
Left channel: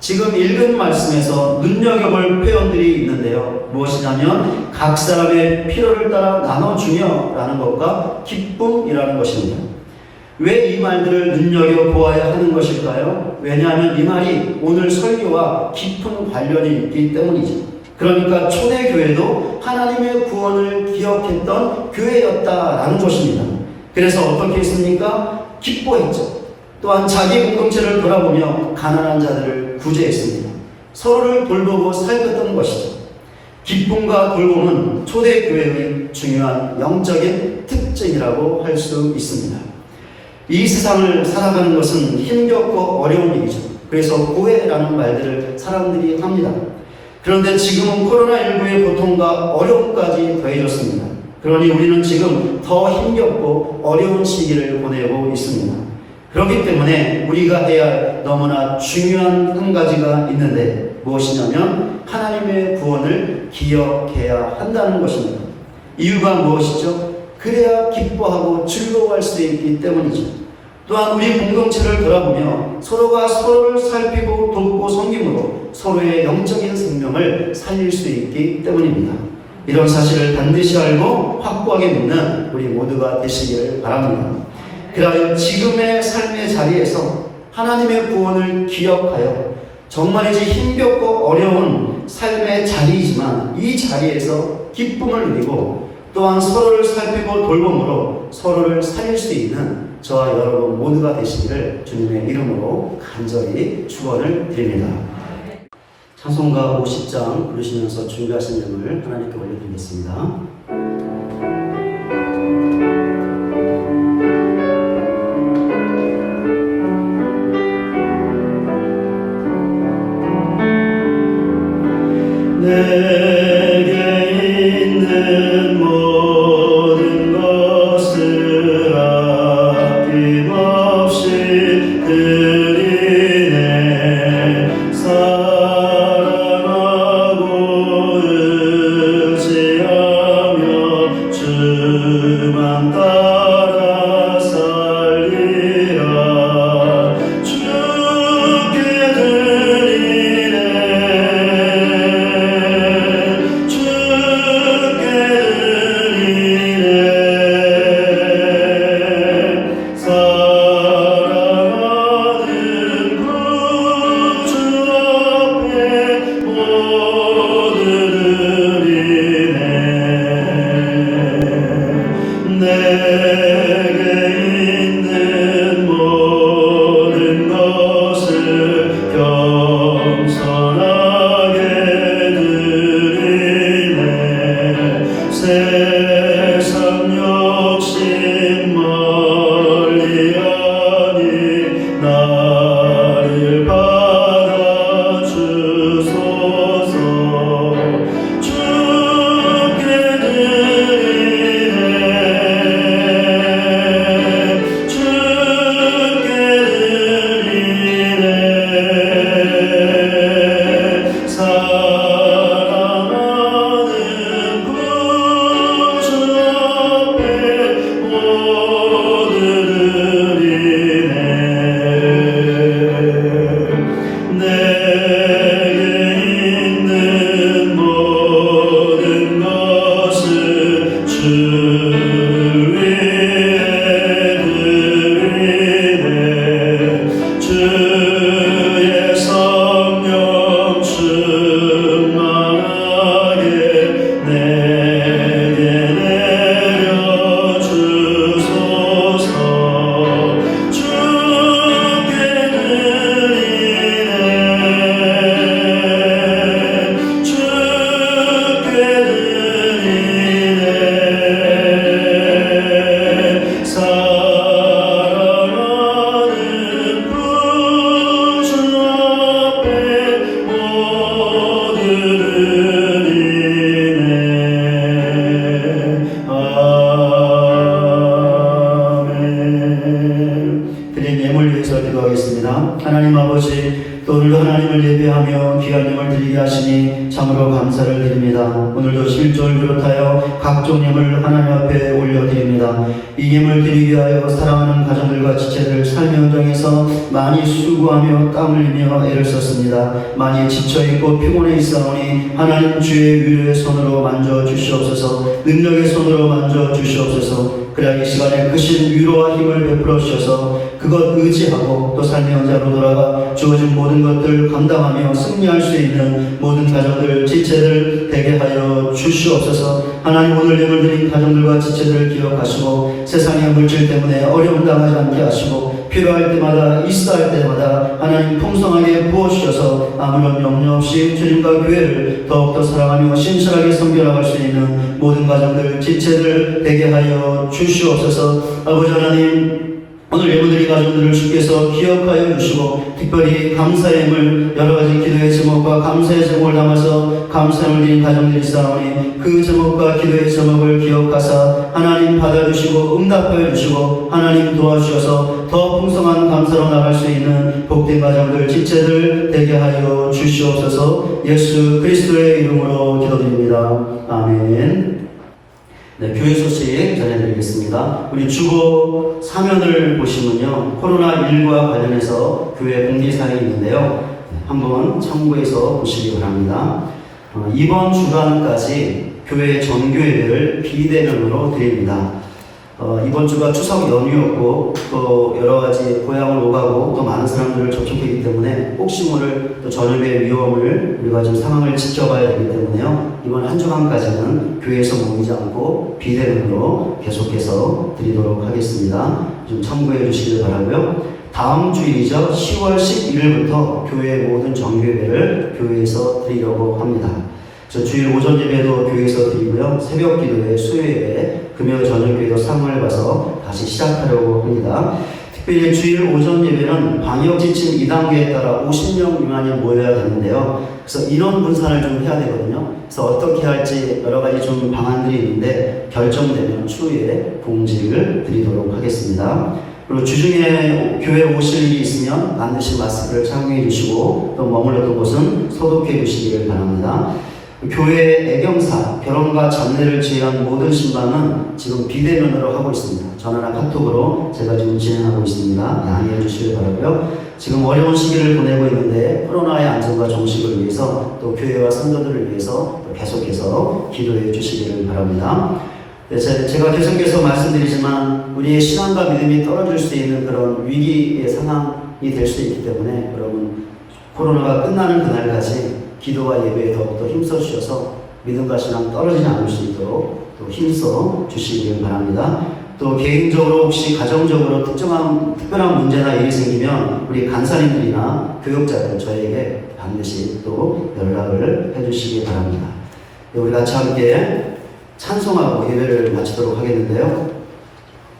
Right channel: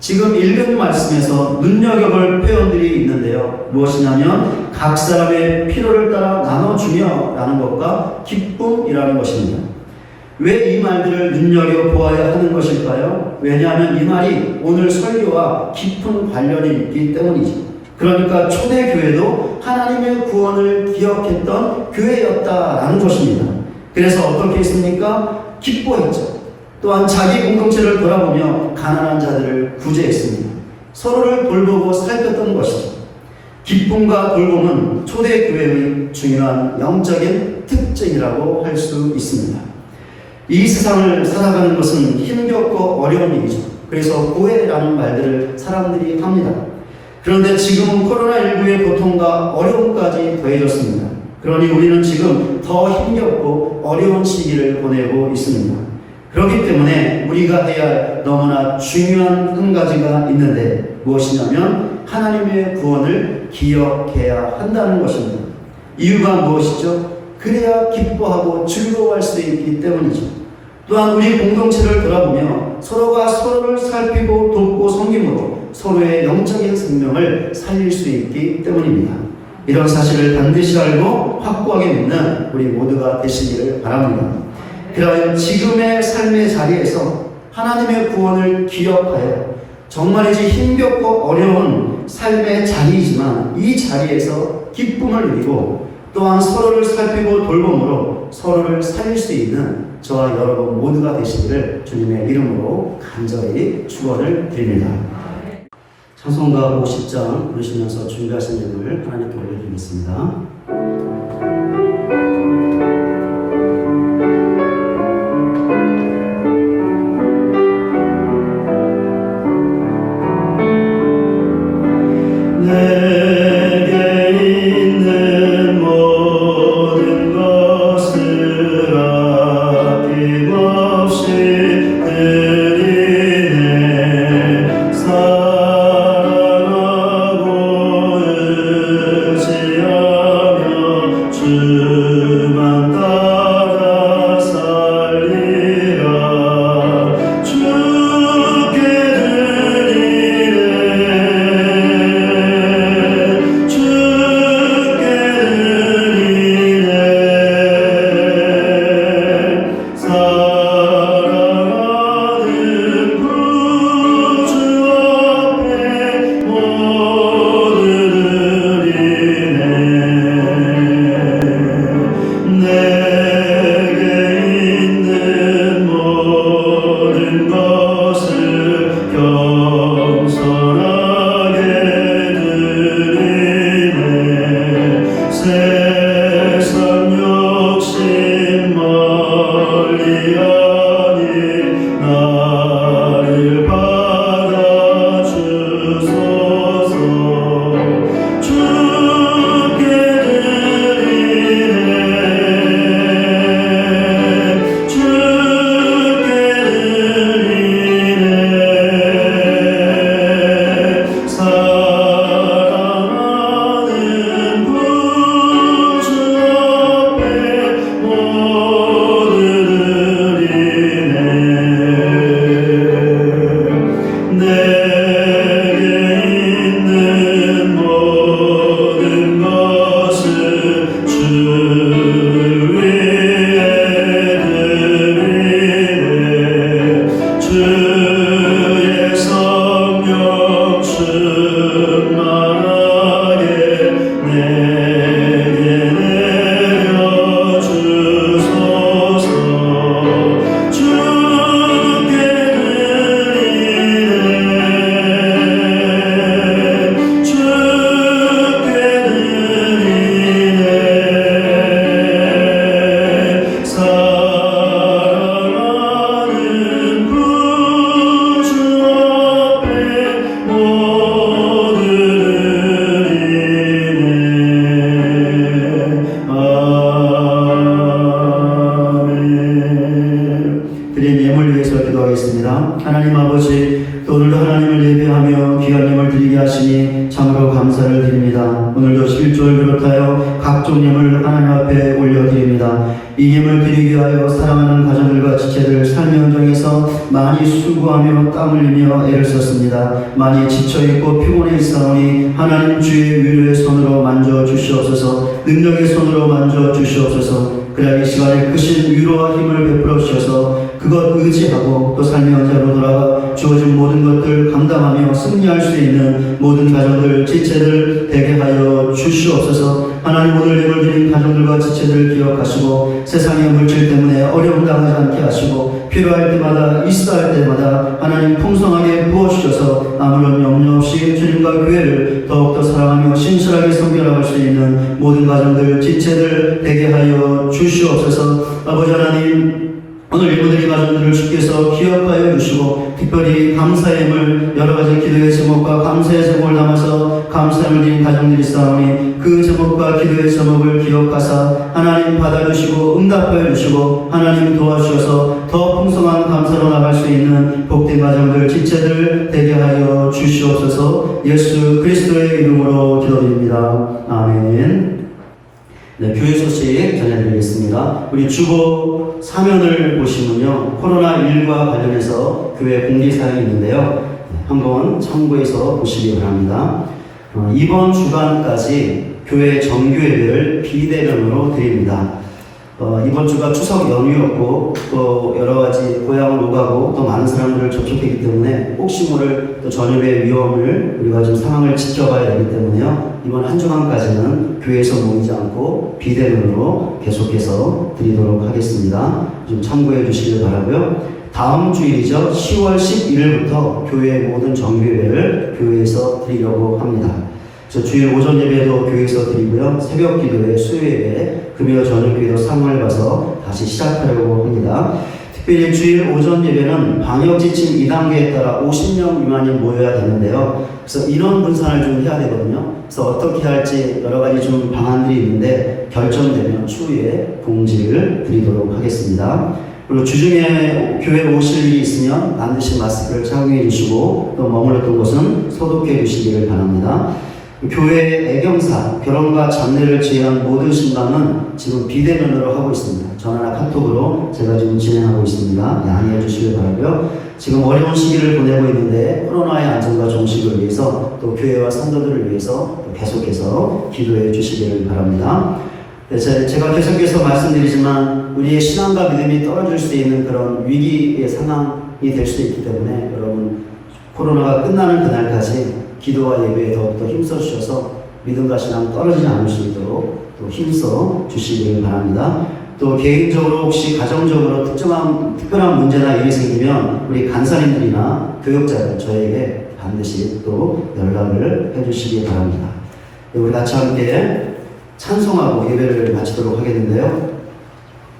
지금 읽은 말씀에서 눈여겨볼 표현들이 있는데요. 무엇이냐면 각 사람의 필요를 따라 나눠주며 라는 것과 기쁨이라는 것입니다. 왜 이 말들을 눈여겨보아야 하는 것일까요? 왜냐하면 이 말이 오늘 설교와 깊은 관련이 있기 때문이죠. 그러니까 초대교회도 하나님의 구원을 기억했던 교회였다라는 것입니다. 그래서 어떻게 했습니까? 기뻐했죠. 또한 자기 공동체를 돌아보며 가난한 자들을 구제했습니다. 서로를 돌보고 살폈던 것이죠. 기쁨과 돌봄은 초대교회의 중요한 영적인 특징이라고 할 수 있습니다. 이 세상을 살아가는 것은 힘겹고 어려운 일이죠. 그래서 고해라는 말들을 사람들이 합니다. 그런데 지금은 코로나19의 고통과 어려움까지 더해졌습니다. 그러니 우리는 지금 더 힘겹고 어려운 시기를 보내고 있습니다. 그렇기 때문에 우리가 해야 할 너무나 중요한 한 가지가 있는데 무엇이냐면 하나님의 구원을 기억해야 한다는 것입니다. 이유가 무엇이죠? 그래야 기뻐하고 즐거워할 수 있기 때문이죠. 또한 우리 공동체를 돌아보며 서로가 서로를 살피고 돕고 섬김으로 서로의 영적인 생명을 살릴 수 있기 때문입니다. 이런 사실을 반드시 알고 확고하게 믿는 우리 모두가 되시기를 바랍니다. 그러나 지금의 삶의 자리에서 하나님의 구원을 기억하여 정말이지 힘겹고 어려운 삶의 자리이지만 이 자리에서 기쁨을 누리고 또한 서로를 살피고 돌봄으로 서로를 살릴 수 있는 저와 여러분 모두가 되시기를 주님의 이름으로 간절히 축원을 드립니다. 찬송가 50장 부르시면서 준비하신 점을 하나님께 올려드리겠습니다. 사랑하고 의지하며 세상 욕심 멀리하니 나를 받아주소서. 주께 드리네 주께 드리네 사랑하는 구주 앞에 모두 드리네. 내게 있는 모든 것을 주 위에 드리네. 주의 성령 충만하게 내게 내려주소서. 주께 드리네 주께 드리네 사랑하는 구주 앞에 모두 드리네. 아멘. 드린 예물 위해서 기도하겠습니다. 하나님 아버지, 또 오늘도 하나님을 예배하며 귀한 예물 드리게 하시니 참으로 감사를 드립니다. 오늘도 11조를 비롯하여 각종 예물 하나님 앞에 올려드립니다. 이 예물 드리기 위하여 사랑하는 가정들과 지체들 삶의 현장에서 많이 수고하며 땀을 흘리며 애를 썼습니다. 많이 지쳐있고 피곤해 있사오니 하나님 주의 위로의 손으로 만져주시옵소서. 능력의 손으로 만져주시옵소서. 그래야 이 시간에 크신 위로와 힘을 베풀어 주셔서 그것 의지하고 또 삶의 현장으로 돌아가 주어진 모든 것들 감당하며 승리할 수 있는 모든 가정들, 지체들 되게 하여 주시옵소서. 하나님 오늘 예물 드린 가정들과 지체들을 기억하시고 세상의 물질 때문에 어려움 당하지 않게 하시고 필요할 때마다 있어할 때마다 하나님 풍성하게 부어주셔서 아무런 염려 없이 주님과 교회를 더욱더 사랑하며 신실하게 섬겨나갈 수 있는 모든 가정들, 지체들 되게 하여 주시옵소서. 아버지 하나님, 오늘 예물드린 가정들을 주께서 기억하여 주시고 특별히 감사의 예물 여러가지 기도의 제목과 감사의 제목을 담아서 감사를 드린 가정들이 있사오니 그 제목과 기도의 제목을 기억하사 하나님 받아주시고 응답하여 주시고 하나님 도와주셔서 더 풍성한 감사로 나갈 수 있는 복된 가정들, 지체들 되게 하여 주시옵소서. 예수 그리스도의 이름으로 기도드립니다. 아멘. 네, 교회 소식 전해드리겠습니다. 우리 주보 사면을 보시면요, 코로나19와 관련해서 교회 공지사항이 있는데요. 한번 참고해서 보시기 바랍니다. 이번 주간까지 교회 정교회를 비대면으로 드립니다. 이번 주가 추석 연휴였고 또 여러 가지 고향을 오가고 또 많은 사람들을 접촉했기 때문에 혹시 모를 또 전염의 위험을 우리가 좀 상황을 지켜봐야 되기 때문에요. 이번 한 주간까지는 교회에서 모이지 않고 비대면으로 계속해서 드리도록 하겠습니다. 좀 참고해 주시길 바라고요. 다음 주일이죠. 10월 11일부터 교회 모든 정교회를 교회에서 드리려고 합니다. 그래서 주일 오전 예배도 교회에서 드리고요. 새벽 기도회, 수요 예배, 금요 저녁 기도 3월 가서 다시 시작하려고 합니다. 특별히 주일 오전 예배는 방역 지침 2단계에 따라 50명 미만이 모여야 되는데요. 그래서 인원 분산을 좀 해야 되거든요. 그래서 어떻게 할지 여러 가지 좀 방안들이 있는데 결정되면 추후에 공지를 드리도록 하겠습니다. 그리고 주중에 교회 오실 일이 있으면 반드시 마스크를 착용해 주시고 또 머물렀던 곳은 소독해 주시기를 바랍니다. 교회 애경사, 결혼과 장례를 제외한 모든 신방은 지금 비대면으로 하고 있습니다. 전화나 카톡으로 제가 지금 진행하고 있습니다. 양해해 주시길 바라고요. 지금 어려운 시기를 보내고 있는데 코로나의 안전과 종식을 위해서 또 교회와 성도들을 위해서 또 계속해서 기도해 주시기를 바랍니다. 네, 제가 계속해서 말씀드리지만 우리의 신앙과 믿음이 떨어질 수 있는 그런 위기의 상황이 될 수 있기 때문에 여러분 코로나가 끝나는 그날까지 기도와 예배에 더욱더 힘써 주셔서 믿음과 신앙 떨어지지 않을 수 있도록 또 힘써 주시길 바랍니다. 또 개인적으로 혹시 가정적으로 특별한 문제나 일이 생기면 우리 간사님들이나 교육자들 저에게 반드시 또 연락을 해주시기 바랍니다. 우리 같이 함께 찬송하고 예배를 마치도록 하겠는데요.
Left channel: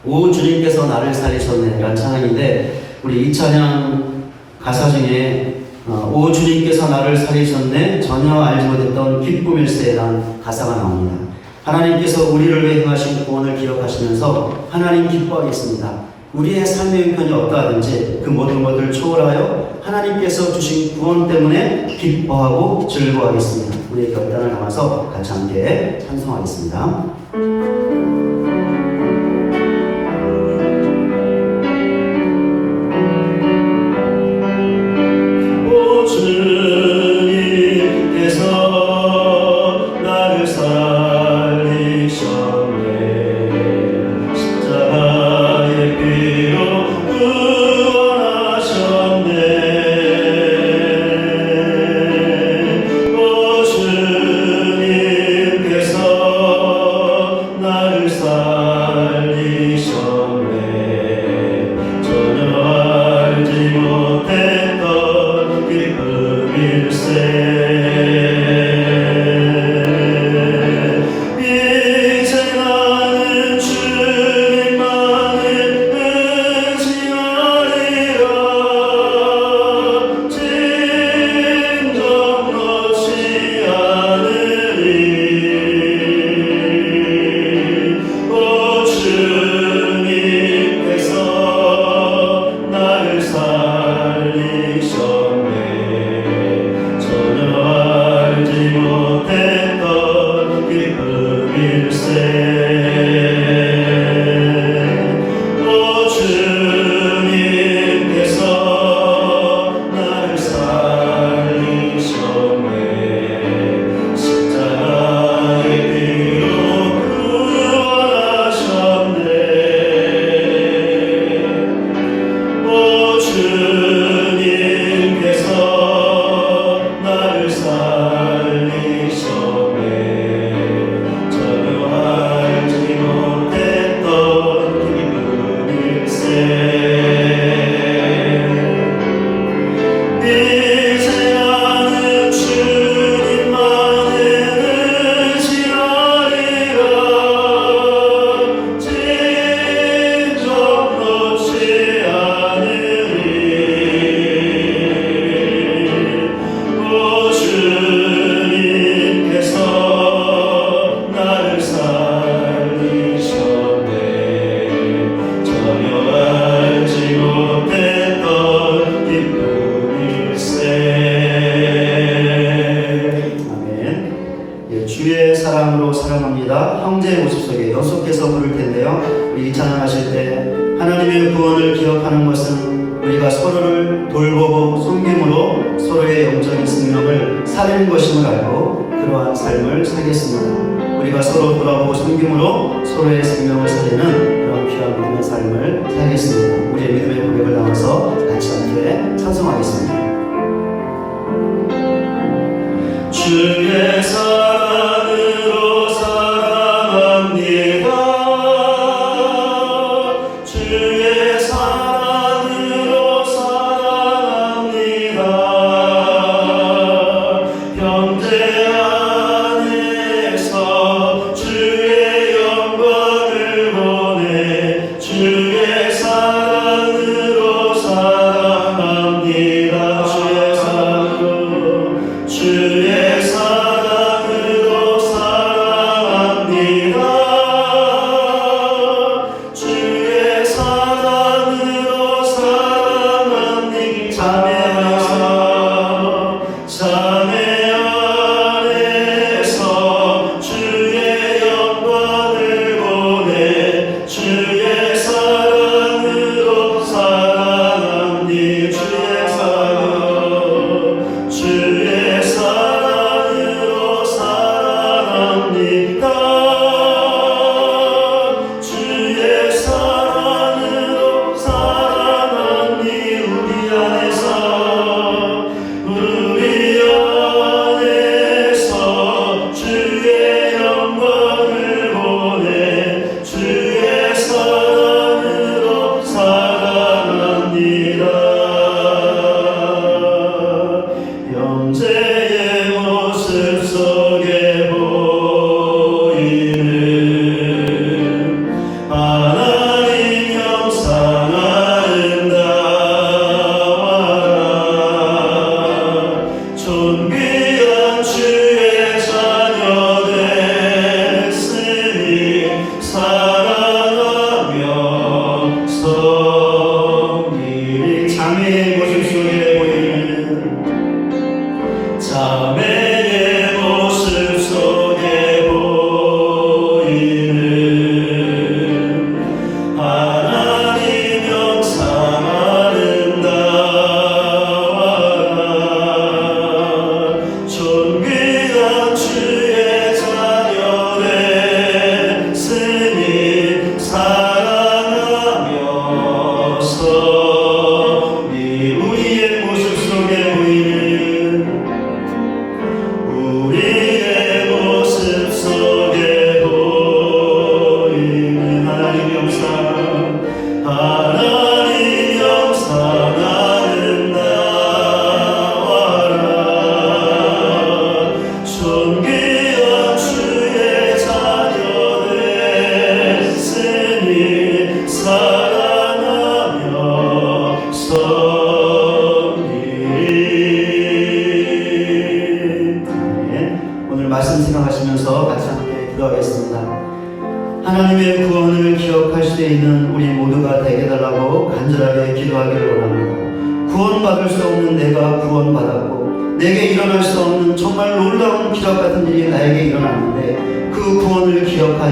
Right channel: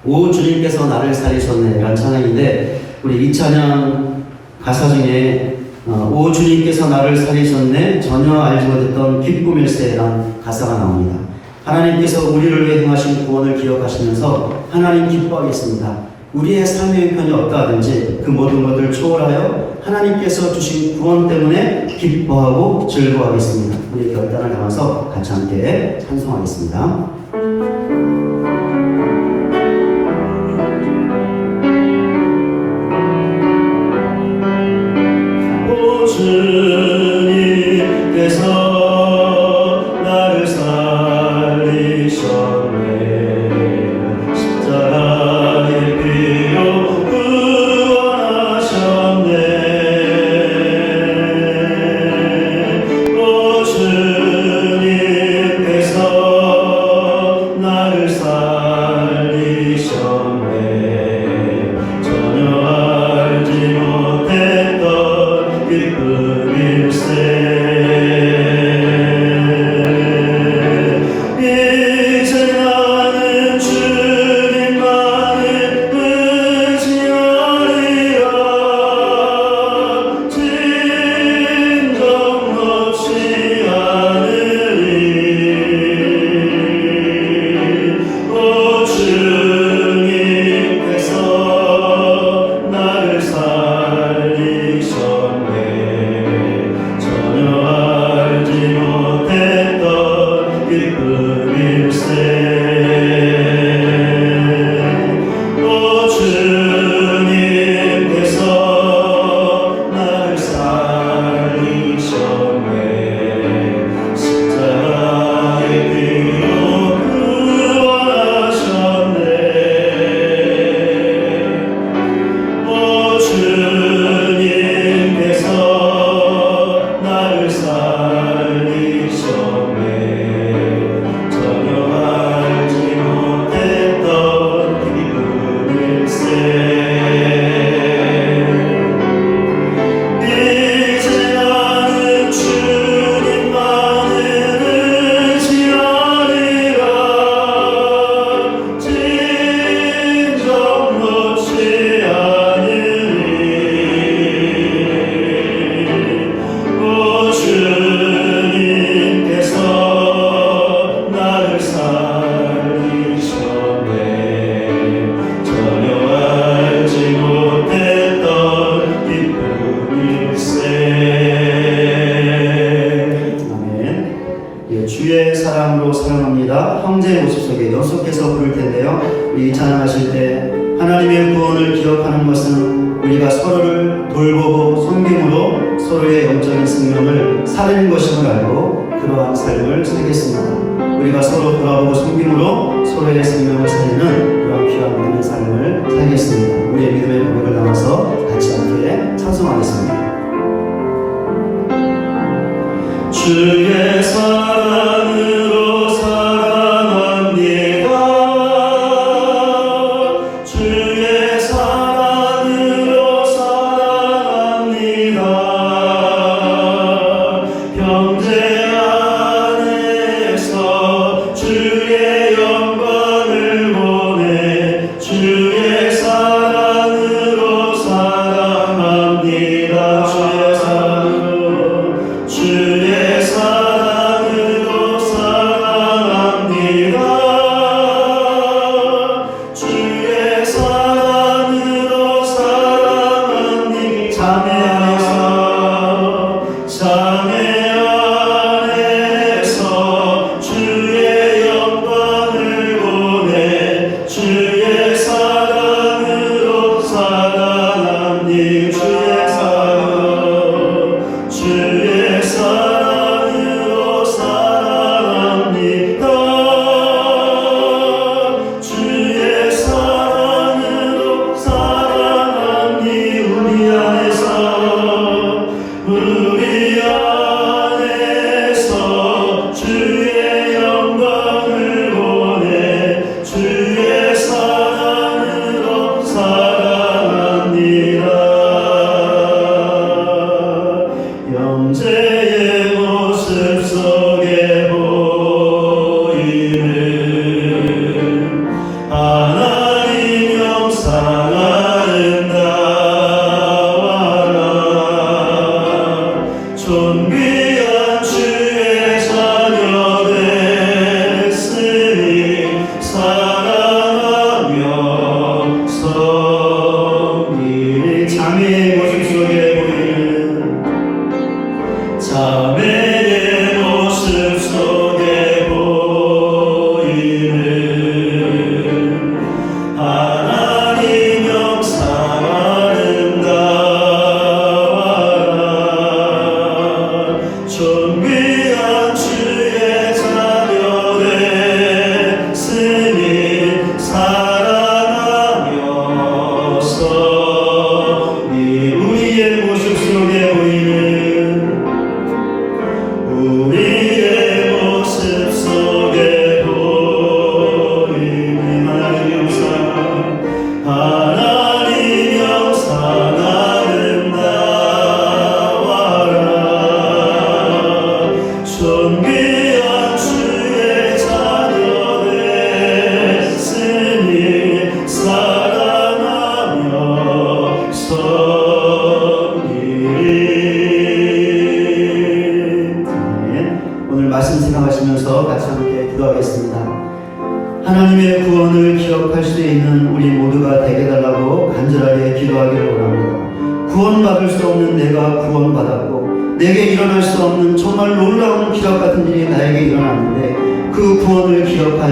오 주님께서 나를 살리셨네 라는 찬양인데 우리 이 찬양 가사 중에 오 주님께서 나를 살리셨네 전혀 알지 못했던 기쁨일세라는 가사가 나옵니다. 하나님께서 우리를 위해 행하신 구원을 기억하시면서 하나님 기뻐하겠습니다. 우리의 삶의 형편이 어떠하든지 그 모든 것을 초월하여 하나님께서 주신 구원 때문에 기뻐하고 즐거워하겠습니다. 우리의 결단을 담아서 같이 함께 찬송하겠습니다. 주의 사랑으로 사랑합니다. 형제 모습속에 연속해서 부를 텐데요. 우리 찬양하실 때 하나님의 구원을 기억하는 것은 우리가 서로를 돌보고 섬김으로 서로의 영적인 생명을 살리는 것임을 알고 그러한 삶을 살겠습니다. 우리가 서로 돌아보고 섬김으로 서로의 생명을 살리는 그런 귀한 믿음의 삶을 살겠습니다. 우리의 믿음의 고백을 담아서 같이 함께 찬송하겠습니다. 주의 사랑으로 사랑합니다. 주의 사랑으로 사랑합니다. 형제 안에서 주의 영광을 보내 주의 사랑으로 사랑합니다. 주의 사랑으로 사랑합니다. 주의 사랑으로 사랑합니다. 자매 안에서 주의 영광을 기도하겠습니다. 하나님의 구원을 기억할 수 있는 우리 모두가 되게 달라고 간절하게 기도하기를 원합니다. 구원받을 수 없는 내가 구원받았고 내게 일어날 수 없는 정말 놀라운 기적 같은 일이 나에게 일어났는데 그 구원을 기억할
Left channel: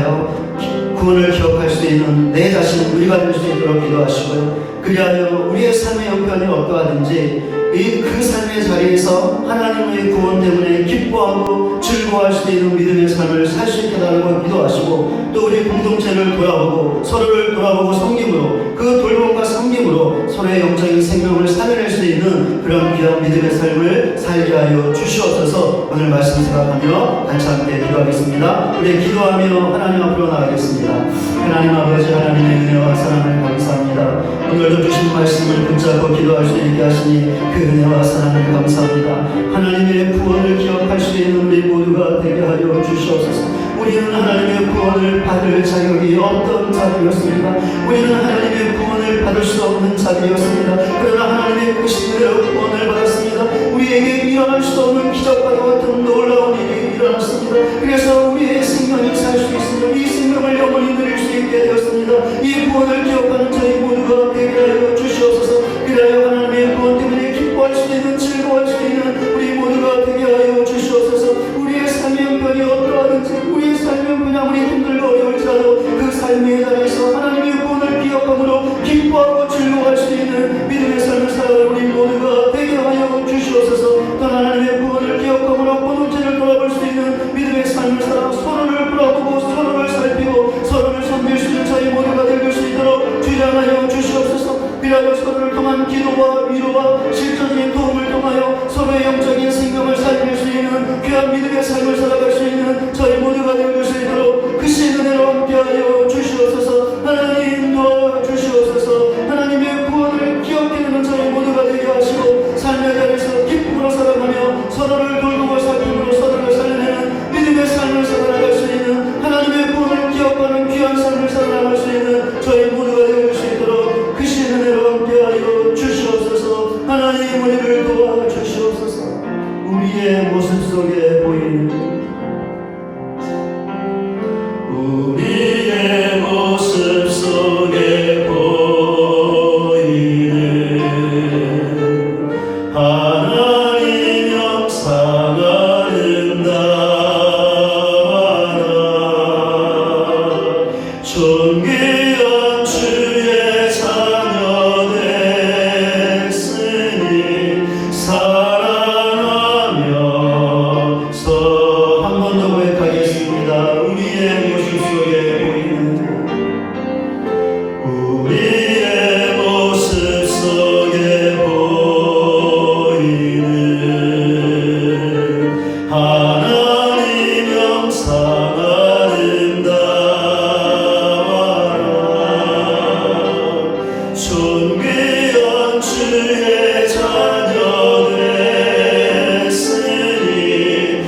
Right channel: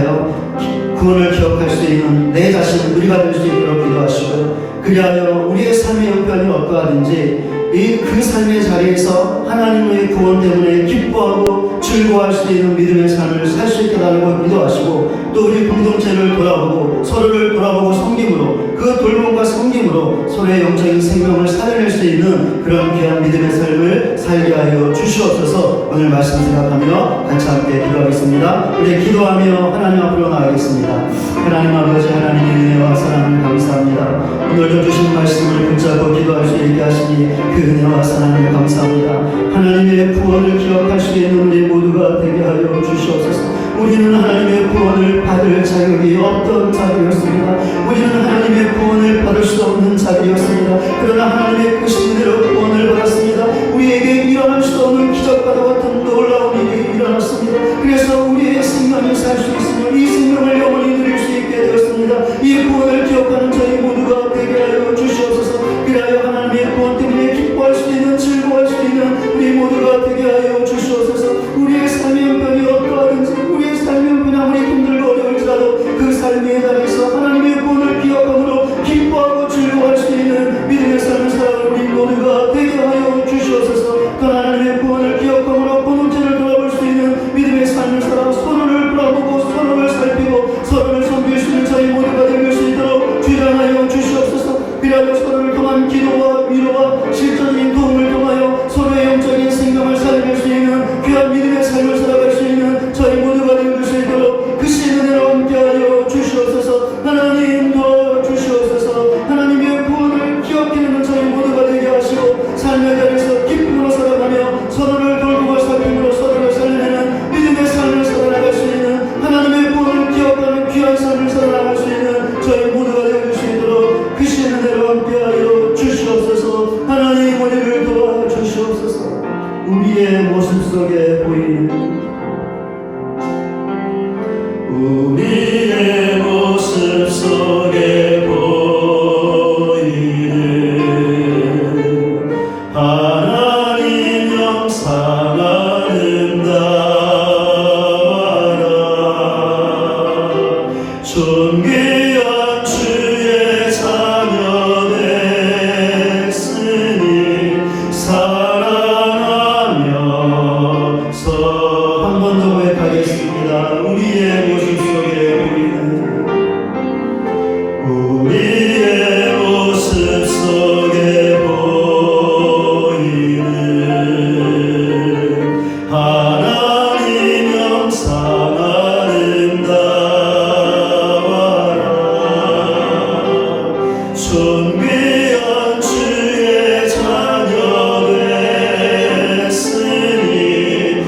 수 있는 내 자신 우리가 될 수 있도록 기도하시고 그리하여 우리의 삶의 형편이 어떠하든지 그 삶의 자리에서 하나님의 구원 때문에 기뻐하고 즐거워할 수 있는 믿음의 삶을 살 수 있게 달라고 기도하시고 또 우리 공동체를 돌아보고 서로를 돌아보고 섬김으로 그 돌봄과 섬김으로 서로의 영적인 생명을 살려낼 수 있는 그런 귀한 믿음의 삶을 살게 하여 주시옵소서. 오늘 말씀 생각하며 같이 함께 기도하겠습니다. 우리 기도하며 하나님 앞으로 나가겠습니다. 하나님 아버지 하나님의 은혜와 사랑을 감사합니다. 오늘도 주신 말씀을 붙잡고 기도할 수 있게 하시니 그 은혜와 사랑을 감사합니다. 하나님의 구원을 기억할 수 있는 우리 모두가 되게 하여 주시옵소서. 우리는 하나님의 구원을 받을 자격이 없던 자리였습니다. 우리는 하나님의 구원을 받을 수 없는 자리였습니다. 그러나 하나님의 크신 은혜로 구원을 받았습니다. 우리에게 일어날 수 없는 기적과 같은 놀라운 일이 일어났습니다. 그래서 우리의 생명이 살 수 있으며 이 생명을 영원히 누릴 수 있게 되었습니다. 이 구원을 기억하는 저희 모두가 되게 하여 주시옵소서. 그리하여 하나님의 구원 때문에 기뻐할 수 있는 즐거워할 수 있는 우리 모두가 되게 하여 주시옵소서. 우리의 삶의 형편이 어떠하든지 우리의 삶의 형편이 아무리 힘들고 어려울지라도 그 삶의 자리에서 하나님의 구원을 기억함으로 기뻐하고 즐거워할 수 있는 믿음의 삶을 살아가는 우리 모두가 되게 하여 주시옵소서. 또 하나님의 구원을 기억함으로 공동체를 돌아볼 수 있는 믿음의 삶을 살아가 서로를 돌아보고 서로를 살피고 서로를 섬길 수 있는 저희 모두가 될 수 있도록 주장하여 주시옵소서. 그리하여 서로를 통한 기도와 위로와 실전적인 도움을 통하여 서로의 영적인 생명을 살릴 수 있는 귀한 믿음의 삶을 살아갈 수 있는 저희 모두가 될 수 있도록 크신 은혜로 함께하여 주시옵소서. 하나님 도와주시옵소서. 하나님의 구원을 기억하는 저희 모두가 되게 하시고 삶의 자리에서 기쁨으로 살아가며 서로를 돌보고 살피고 서로를 살리는 믿음의 삶을 살아나갈 수 있는 하나님의 구원을 기억하는 귀한 삶을 살아나갈 수 있는 저희 모두가 될 수 있도록 크신 은혜로 함께하여 주시옵소서. 하나님 우리를 도와주시옵소서. 우리의 모습 속에 보이는 우리의 모습 속에 보이는 하나님 영상 아름다워라. 존귀한 주의 자녀 됐으니 사랑하면서 한 번 더 고백하겠습니다. 우리의 모습 속에 보이는 우리의 모습 속에 보이는 하나님 영상 아름다워라. 존귀한 주의 자녀 됐으니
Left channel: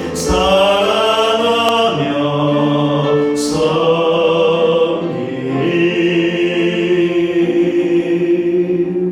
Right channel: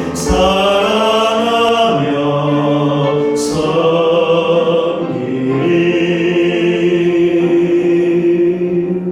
사랑하며 섬기리.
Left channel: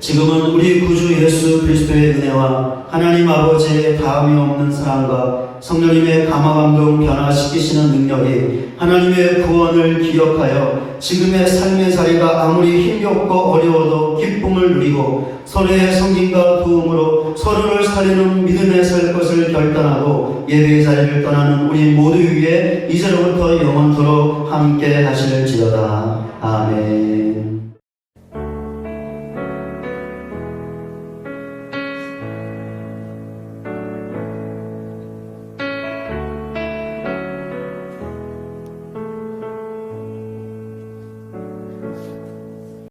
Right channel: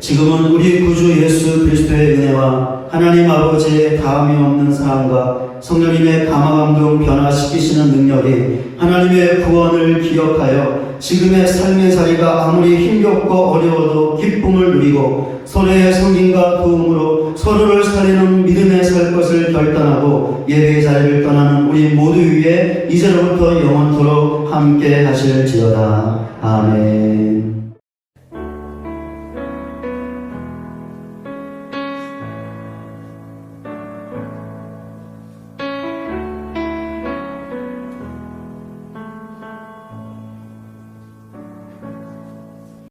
지금은 우리 구주 예수 그리스도의 은혜와 하나님 아버지의 다함이 없는 사랑과 성령님의 감화감동 변화시키시는 능력이 하나님의 구원을 기억하여 지금의 삶의 자리가 아무리 힘겹고 어려워도 기쁨을 누리고 서로의 섬김과 도움으로 서로를 살리는 믿음의 살 것을 결단하고 예배의 자리를 떠나는 우리 모두 위에 이제로부터 영원토록 함께 하실지어다. 아멘.